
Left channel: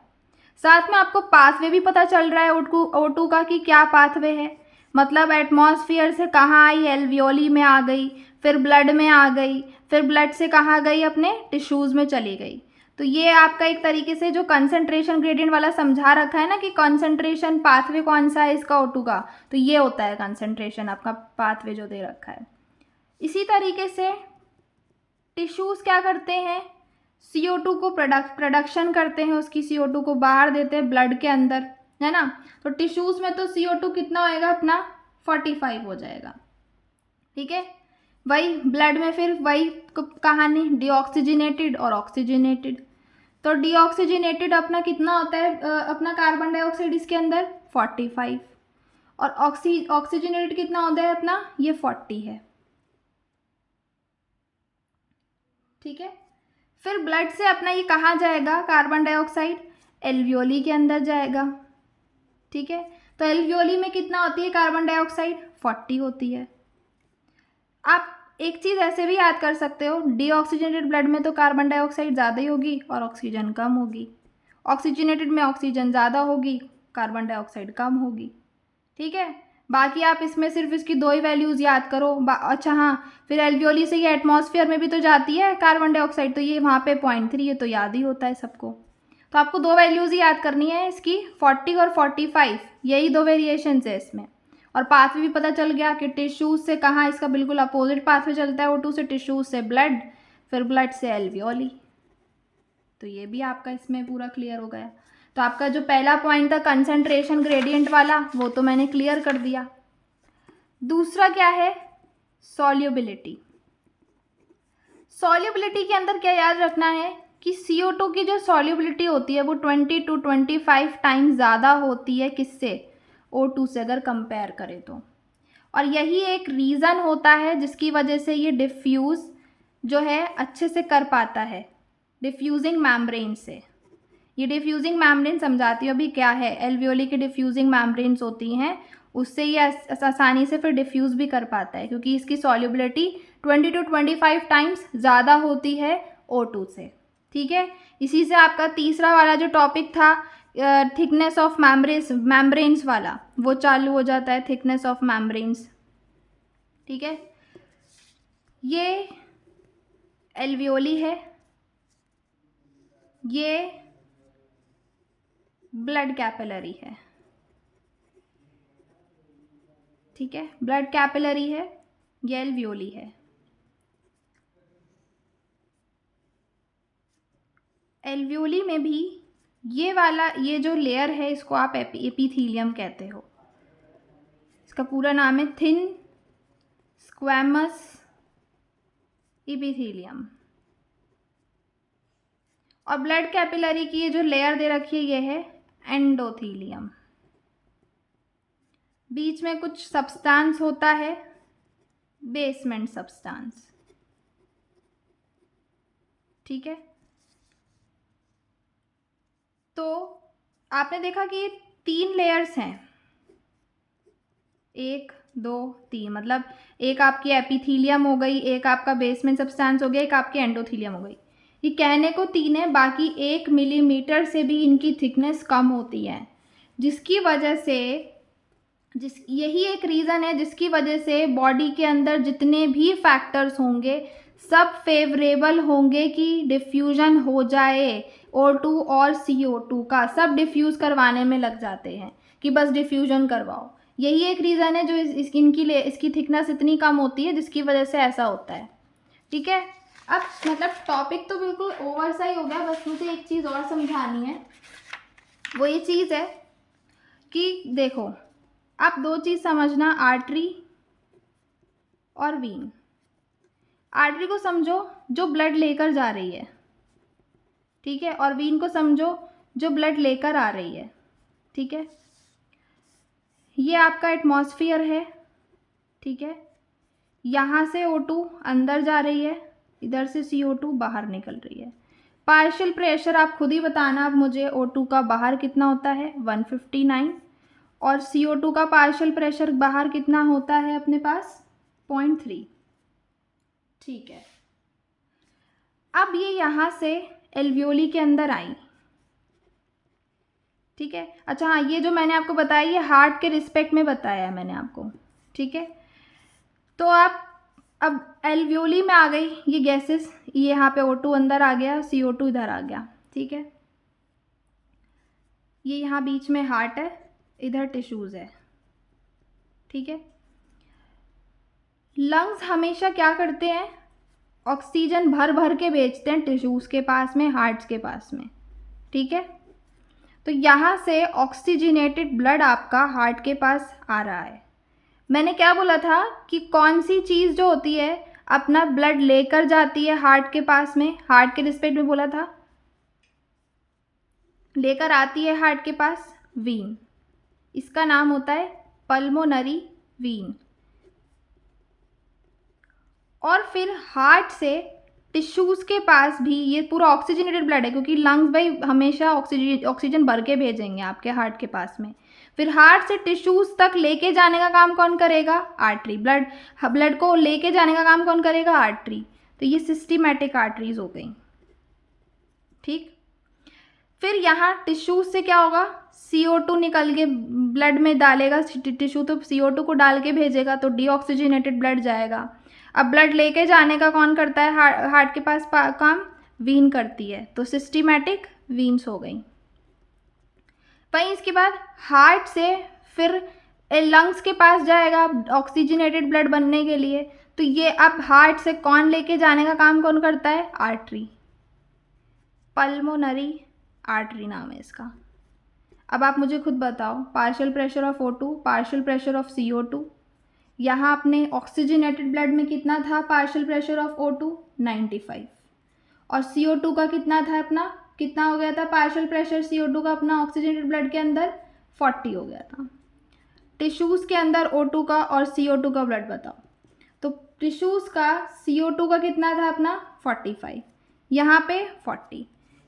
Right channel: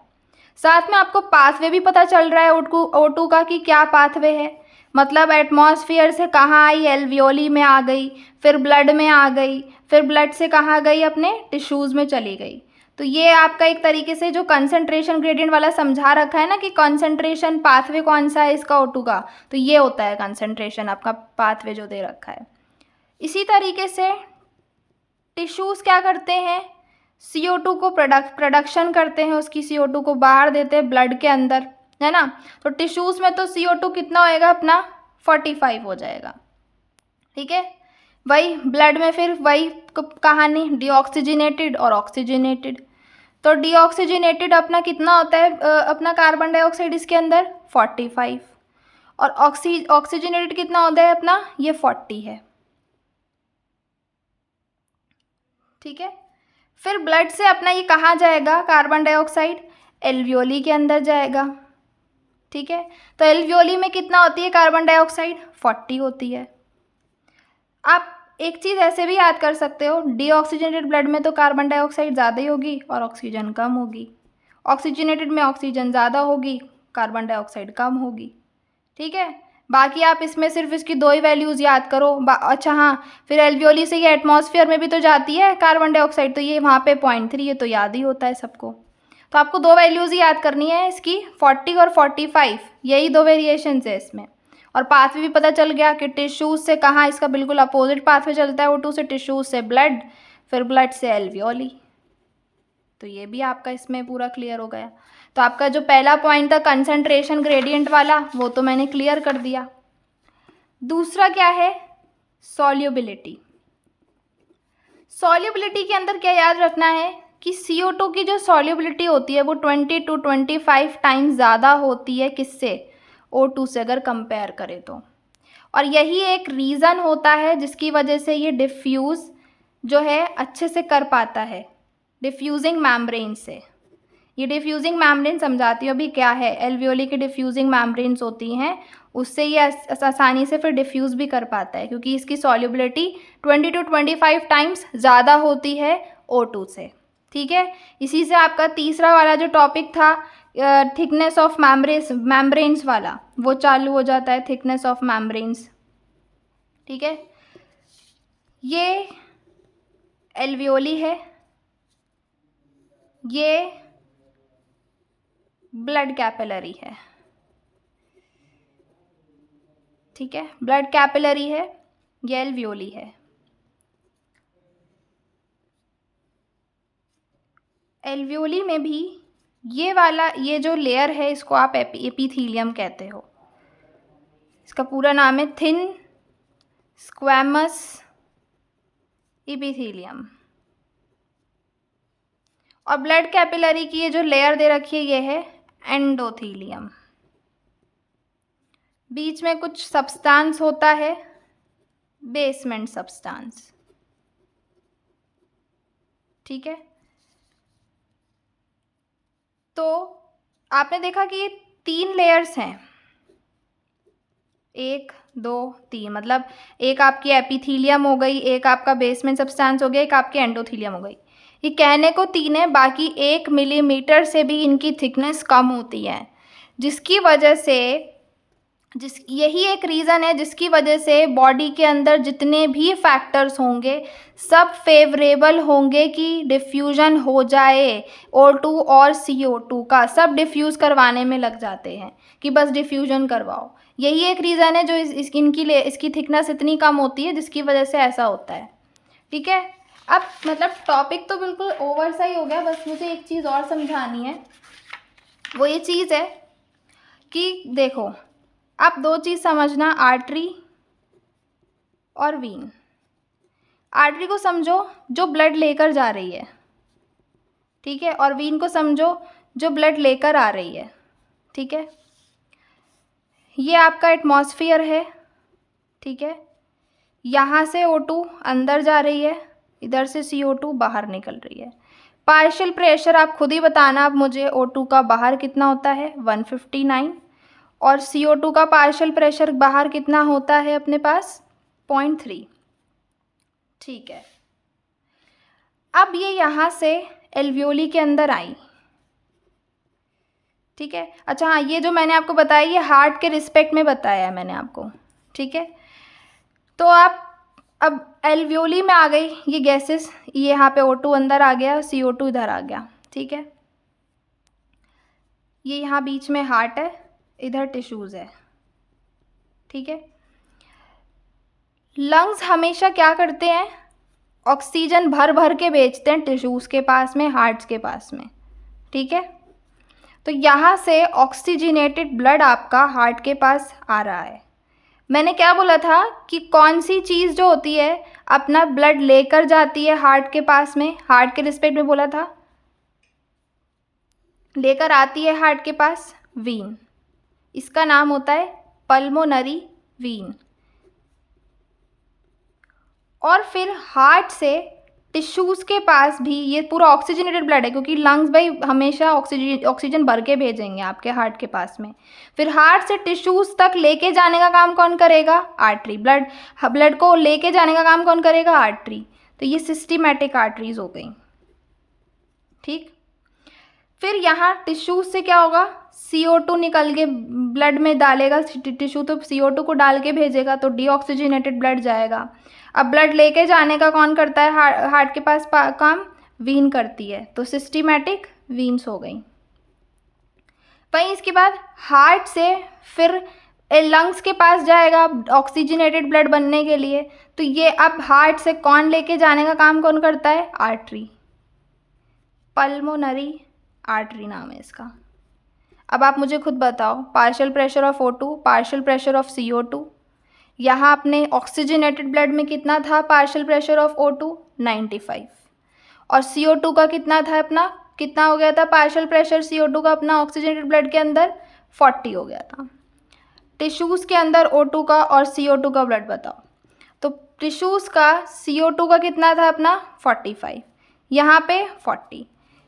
साथ में आपको पाथवे भी पता चल रहा है O2 का कि क्या पाथवे है, मतलब एटमॉस्फेयर से कहाँ आई, एल्वियोली में आ गई, फिर ब्लड में आ गई, फिर ब्लड से कहाँ गई, अपने टिश्यूज़ में चली गई। तो ये आपका एक तरीके से जो कंसंट्रेशन ग्रेडियंट वाला समझा रखा है ना कि कंसंट्रेशन पाथवे कौन सा है इसका O2 का, तो ये होता है कंसंट्रेशन आपका पाथवे जो दे रखा है। इसी तरीके से टिश्यूज़ क्या करते हैं, CO2 को प्रोडक्शन करते हैं, उसकी CO2 को बाहर देते हैं ब्लड के अंदर, है ना। तो टिश्यूज़ में तो CO2 कितना होएगा अपना, 45 हो जाएगा, ठीक है। वही ब्लड में फिर वही कहानी, डीऑक्सीजनेटेड और ऑक्सीजनेटेड। तो डीऑक्सीजनेटेड अपना कितना होता है, अपना कार्बन डाइऑक्साइड इसके अंदर 45, और ऑक्सीजनेटेड कितना होता है अपना, ये 40 है, ठीक है। फिर ब्लड से अपना ये कहाँ जाएगा कार्बन डाइऑक्साइड, एल्वियोली के अंदर जाएगा, ठीक है। तो एल्वियोली में कितना होती है कार्बन डाइऑक्साइड, 40 होती है। आप एक चीज़ ऐसे भी याद कर सकते हो, डीऑक्सीजनेटेड ब्लड में तो कार्बन डाइऑक्साइड ज़्यादा ही होगी और ऑक्सीजन कम होगी, ऑक्सीजनेटेड में ऑक्सीजन ज़्यादा होगी, कार्बन डाइऑक्साइड कम होगी, ठीक है। बाकी आप इसमें सिर्फ इसकी दो ही वैल्यूज़ याद करो। अच्छा हाँ, फिर एल्वियोली से ये एटमॉस्फेयर में भी तो जाती है कार्बन डाइऑक्साइड, तो ये वहाँ पे 0.3 ये तो याद ही होता है सबको। तो आपको दो वैल्यूज़ ही याद करनी है इसकी, 40 और 45, यही दो वेरिएशंस है इसमें। और पाथवे भी पता चल गया कि टिश्यूज़ से कहाँ, इसका बिल्कुल अपोजिट पाथवे चलता है O2 से, टिश्यूज़ से ब्लड, फिर ब्लड से एल्वियोली। तो ये भी आपका इसमें पूरा क्लियर हो गया। तो आपका जो पहला पॉइंट था कंसंट्रेशन ग्रेडियंट वाला, वो तो मैंने क्लियर कर दिया। दूसरा क्या है, सॉल्युबिलिटी। सॉल्युबिलिटी के अंदर क्या याद रखना है कि CO2 की जो सॉल्युबिलिटी होती है वो 20 to 25 टाइम्स ज़्यादा होती है किससे, O2 से अगर कंपेयर करें तो। और यही एक रीज़न होता है जिसकी वजह से ये डिफ्यूज़ जो है अच्छे से कर पाता है, डिफ्यूजिंग मैम्ब्रेन से। ये डिफ्यूजिंग मैम्ब्रेन समझाती हूँ अभी क्या है, एल्वियोली की डिफ्यूजिंग मैम्ब्रेन्स होती हैं, उससे ये आसानी से फिर डिफ्यूज़ भी कर पाता है, क्योंकि इसकी सॉल्युबिलिटी 20 to 25 टाइम्स ज़्यादा होती है O2 से, ठीक है। इसी से आपका तीसरा वाला जो टॉपिक था थिकनेस ऑफ मैम्ब्रेन्स वाला, वो चालू हो जाता है, थिकनेस ऑफ मैम्ब्रेन्स, ठीक है। ये एल्वियोली है, ये ब्लड कैपिलरी है, ठीक है, ब्लड कैपिलरी है, ये एल्वियोली है। एल्वियोली में भी ये वाला, ये जो लेयर है इसको आप एपिथीलियम कहते हो। इसका पूरा नाम है थिन स्क्वैमस एपिथीलियम। और ब्लड कैपिलरी की ये जो लेयर दे रखी है ये है एंडोथीलियम। बीच में कुछ सब्सटेंस होता है, बेसमेंट सब्सटेंस। ठीक है, तो आपने देखा कि ये 3 लेयर्स हैं, 1 2 3, मतलब एक आपकी एपिथीलियम हो गई, एक आपका बेसमेंट सब्सटेंस हो गया, एक आपकी एंडोथीलियम हो गई। ये कहने को 3 है, बाकी 1 मिलीमीटर से भी इनकी थिकनेस कम होती है, जिसकी वजह से यही एक रीज़न है जिसकी वजह से बॉडी के अंदर जितने भी फैक्टर्स होंगे सब फेवरेबल होंगे कि डिफ्यूज़न हो जाए O2 और CO2 का, सब डिफ्यूज़ करवाने में लग जाते हैं कि बस डिफ्यूज़न करवाओ। यही एक रीज़न है जो इसकी थिकनेस इतनी कम होती है जिसकी वजह से ऐसा होता है। ठीक है, अब मतलब टॉपिक तो बिल्कुल ओवर सा ही हो गया, बस मुझे एक चीज़ और समझानी है। वो ये चीज़ है कि देखो, आप 2 चीज़ समझना, आर्टरी और वीन। आर्टरी को समझो जो ब्लड लेकर जा रही है, ठीक है, और वीन को समझो जो ब्लड लेकर आ रही है। ठीक है, ये आपका एटमॉस्फेयर है। ठीक है, यहाँ से O2 अंदर जा रही है, इधर से CO2 बाहर निकल रही है। पार्शियल प्रेशर आप खुद ही बताना अब मुझे, O2 का बाहर कितना होता है 159, और CO2 का पार्शियल प्रेशर बाहर कितना होता है अपने पास 0.3। ठीक है, अब ये यहाँ से एल्वियोली के अंदर आई। ठीक है, अच्छा हाँ, ये जो मैंने आपको बताया ये हार्ट के रिस्पेक्ट में बताया है मैंने आपको। ठीक है, तो आप अब एल्वियोली में आ गई ये गैसेस, ये यहाँ पे O2 अंदर आ गया, CO2 इधर आ गया। ठीक है, ये यहाँ बीच में हार्ट है, इधर टिश्यूज़ है। ठीक है, लंग्स हमेशा क्या करते हैं, ऑक्सीजन भर भर के भेजते हैं टिश्यूज़ के पास में, हार्ट्स के पास में। ठीक है, तो यहाँ से ऑक्सीजनेटेड ब्लड आपका हार्ट के पास आ रहा है। मैंने क्या बोला था कि कौन सी चीज़ जो होती है अपना ब्लड लेकर जाती है हार्ट के पास में, हार्ट के रिस्पेक्ट में बोला था, लेकर आती है हार्ट के पास वीन। इसका नाम होता है पल्मोनरी वीन। और फिर हार्ट से टिश्यूज़ के पास भी ये पूरा ऑक्सीजनेटेड ब्लड है, क्योंकि लंग्स भाई हमेशा ऑक्सीजन भर के भेजेंगे आपके हार्ट के पास में। फिर हार्ट से टिश्यूज़ तक लेके जाने का काम कौन करेगा, आर्टरी। ब्लड को लेके जाने का काम कौन करेगा, आर्टरी। तो ये सिस्टमैटिक आर्टरीज हो गई। ठीक, फिर यहाँ टिश्यूज से क्या होगा, CO2 निकल के ब्लड में डालेगा, टिश्यू तो CO2 को डाल के भेजेगा, तो डीऑक्सीजनेटेड ब्लड जाएगा। अब ब्लड लेके जाने का कौन करता है, हार्ट के पास काम वीन करती है, तो सिस्टमैटिक वीन्स हो गई। वहीं इसके बाद हार्ट से फिर लंग्स के पास जाएगा ऑक्सीजनेटेड ब्लड बनने के लिए, तो ये अब हार्ट से कौन लेके जाने का काम कौन करता है, आर्टरी। पल्मोनरी आर्टरी नाम है इसका। अब आप मुझे खुद बताओ, partial pressure of O2, partial pressure of CO2, यहाँ अपने ऑक्सीजनेटेड ब्लड में कितना था पार्शियल प्रेशर ऑफ O2 95, और CO2 का कितना था अपना, कितना हो गया था पार्शियल प्रेशर CO2 का अपना ऑक्सीजनेटेड ब्लड के अंदर 40 हो गया था। टिश्यूज़ के अंदर O2 का और CO2 का ब्लड बताओ, तो टिश्यूज़ का CO2 का कितना था अपना 45, यहाँ पे 40।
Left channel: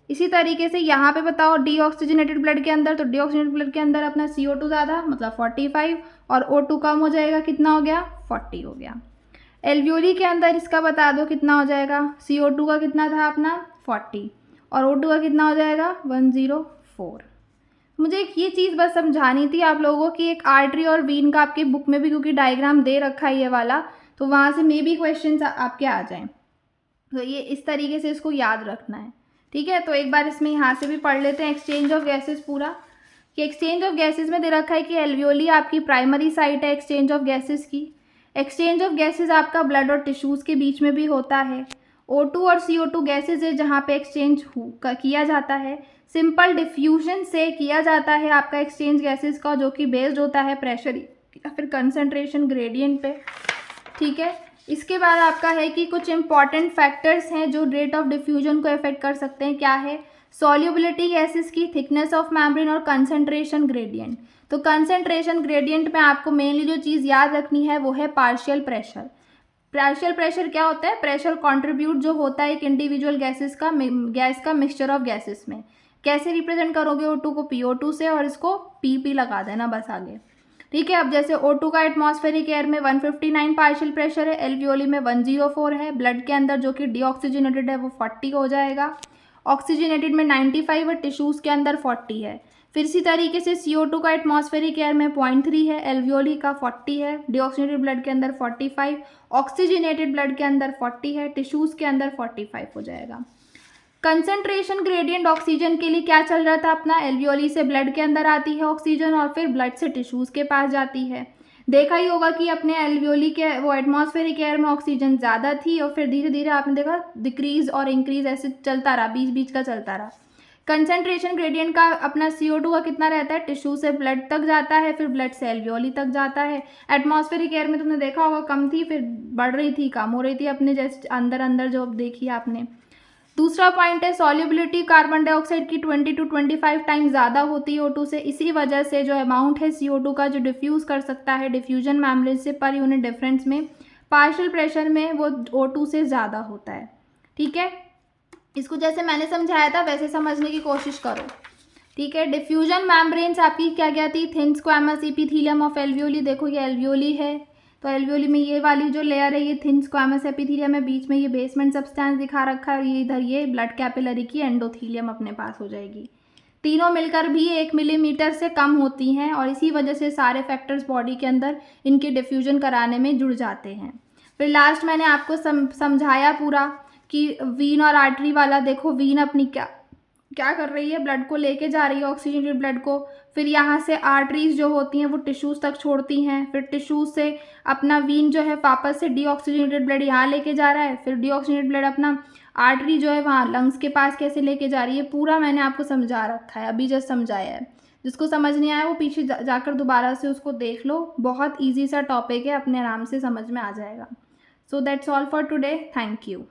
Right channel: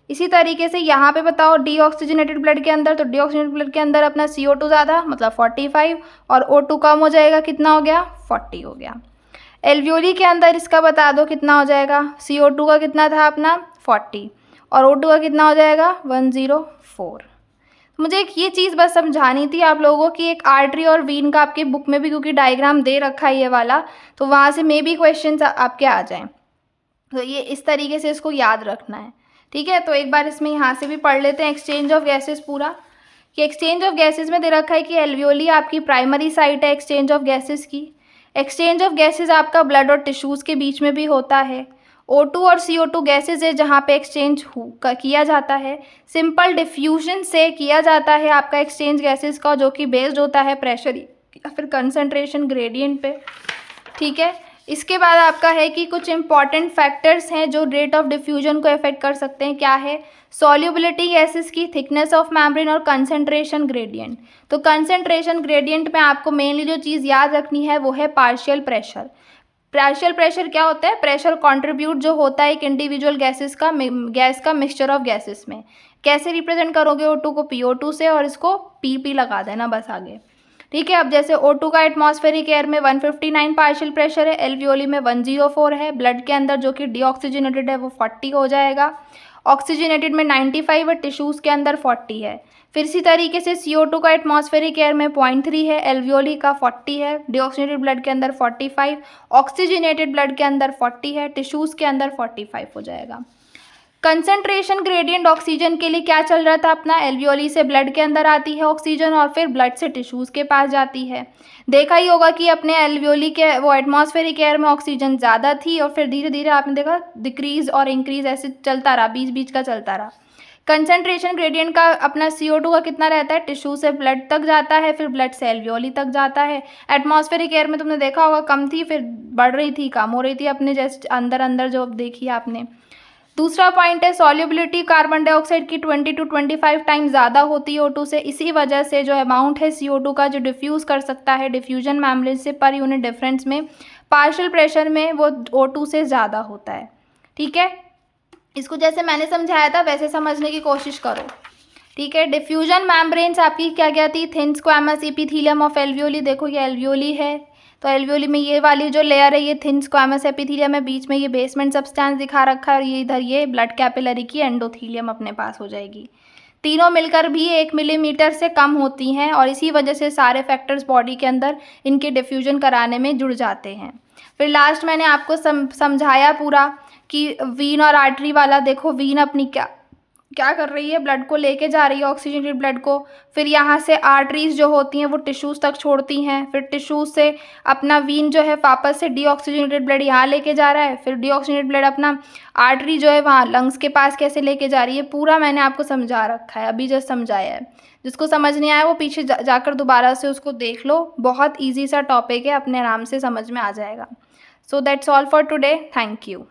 इसी तरीके से यहाँ पे बताओ डीऑक्सीजनेटेड ब्लड के अंदर, तो डीऑक्सीजनेटेड ब्लड के अंदर अपना CO2 ज़्यादा मतलब 45, और O2 कम हो जाएगा, कितना हो गया 40 हो गया। एल्वियोली के अंदर इसका बता दो कितना हो जाएगा, CO2 का कितना था अपना 40 और O2 का कितना हो जाएगा 104। मुझे एक ये चीज़ बस समझानी थी आप लोगों की, एक आर्टरी और वीन का आपके बुक में भी क्योंकि डायग्राम दे रखा है ये वाला, तो वहाँ से मे बी क्वेश्चन आपके आ जाएँ, तो ये इस तरीके से इसको याद रखना है। ठीक है, तो एक बार इसमें यहाँ से भी पढ़ लेते हैं एक्सचेंज ऑफ गैसेस पूरा, कि एक्सचेंज ऑफ गैसेस में दे रखा है कि एल्वियोली आपकी प्राइमरी साइट है एक्सचेंज ऑफ गैसेस की। एक्सचेंज ऑफ गैसेस आपका ब्लड और टिश्यूज़ के बीच में भी होता है। O2 और CO2 गैसेज है जहाँ पे एक्सचेंज किया जाता है। सिंपल डिफ्यूजन से किया जाता है आपका एक्सचेंज गैसेज का, जो कि बेस्ड होता है प्रेशर या फिर कंसनट्रेशन ग्रेडियंट पे। ठीक है, इसके बाद आपका है कि कुछ इंपॉर्टेंट फैक्टर्स हैं जो रेट ऑफ डिफ्यूजन को अफेक्ट कर सकते हैं। क्या है, सॉल्युबिलिटी गैसेस की, थिकनेस ऑफ मेम्ब्रेन और कंसंट्रेशन ग्रेडियंट। तो कंसंट्रेशन ग्रेडियंट में आपको मेनली जो चीज़ याद रखनी है वो है पार्शियल प्रेशर। पार्शियल प्रेशर क्या होता है? प्रेशर कंट्रीब्यूट जो होता है एक इंडिविजुअल गैसेस का, गैस का मिक्सचर ऑफ गैसेस में। कैसे रिप्रेजेंट करोगे O2 को? PO2 से, और इसको PP लगा देना बस आगे। ठीक है, अब जैसे O2 का एटमॉस्फेरिक एयर में 159 पार्शियल प्रेशर है, एल्वियोली में 104 है, ब्लड के अंदर जो कि डीऑक्सीजनेटेड है वो 40 हो जाएगा, ऑक्सीजनेटेड में 95 है, टिश्यूज़ के अंदर 40 है। फिर इसी तरीके से CO2 का एटमॉस्फेरिक एयर में 0.3 है, एल्वियोली का 40 है, डीऑक्सीजनेटेड ब्लड के अंदर 45, ऑक्सीजनेटेड ब्लड के अंदर 40 है, टिश्यूज़ के अंदर 45 हो जाएगा। कंसंट्रेशन ग्रेडियंट ऑक्सीजन के लिए क्या चल रहा था अपना? एल्वियोली से ब्लड के अंदर आती है ऑक्सीजन और फिर ब्लड से टिश्यूज़ के पास जाती है। देखा ही होगा कि अपने एल्वियोली के वो एटमॉस्फेरिक एयर में ऑक्सीजन ज़्यादा थी और फिर धीरे धीरे आपने देखा डिक्रीज और इंक्रीज ऐसे चलता रहा, बीच बीच का चलता रहा। कंसंट्रेशन ग्रेडियंट का अपना CO2 का कितना रहता है? टिश्यू से ब्लड तक जाता है, फिर ब्लड से एल्वियोली तक जाता है। एटमॉस्फेरिक एयर में तुमने देखा होगा कम थी, फिर बढ़ रही थी, कम हो रही थी, अपने जैसे अंदर अंदर जो देखी आपने। दूसरा पॉइंट है सॉल्युबिलिटी कार्बन डाइऑक्साइड की 20 to 25 टाइम ज़्यादा होती है O2 से। इसी वजह से जो अमाउंट है CO2 का जो डिफ्यूज़ कर सकता है डिफ्यूजन मेम्ब्रेन से पर यूनिट डिफरेंस में, पार्शियल प्रेशर में वो O2 से ज़्यादा होता है। ठीक है, इसको जैसे मैंने समझाया था वैसे समझने की कोशिश करो। ठीक है, डिफ्यूजन मेम्ब्रेन्स आपकी क्या क्या थी? Thin squamous epithelium of alveoli. देखो ये एल्वियोली है, तो एल्वियोली में ये वाली जो लेयर है ये थिन स्क्वैमस एपिथेलियम है, बीच में ये बेसमेंट सब्सटेंस दिखा रखा है और ये इधर ये ब्लड कैपिलरी की एंडोथेलियम अपने पास हो जाएगी। तीनों मिलकर भी 1 मिलीमीटर से कम होती हैं और इसी वजह से सारे फैक्टर्स बॉडी के अंदर इनके डिफ्यूजन कराने में जुड़ जाते हैं। फिर लास्ट मैंने आपको समझाया पूरा कि वीन और आर्टरी वाला। देखो वीन अपनी क्या कर रही है? ब्लड को लेके जा रही है, ऑक्सीजनेटेड ब्लड को। फिर यहाँ से आर्टरीज जो होती हैं वो टिश्यूज़ तक छोड़ती हैं, फिर टिश्यूज़ से अपना वीन जो है वापस से डीऑक्सीजनेटेड ब्लड यहाँ लेके जा रहा है, फिर डीऑक्सीजनेटेड ब्लड अपना आर्टरी जो है वहाँ लंग्स के पास कैसे लेके जा रही है, पूरा मैंने आपको समझा रखा है, अभी जस्ट समझाया है। जिसको समझ नहीं आया वो पीछे जाकर दोबारा से उसको देख लो, बहुत ईजी सा टॉपिक है, अपने आराम से समझ में आ जाएगा। So that's all for today, thank you.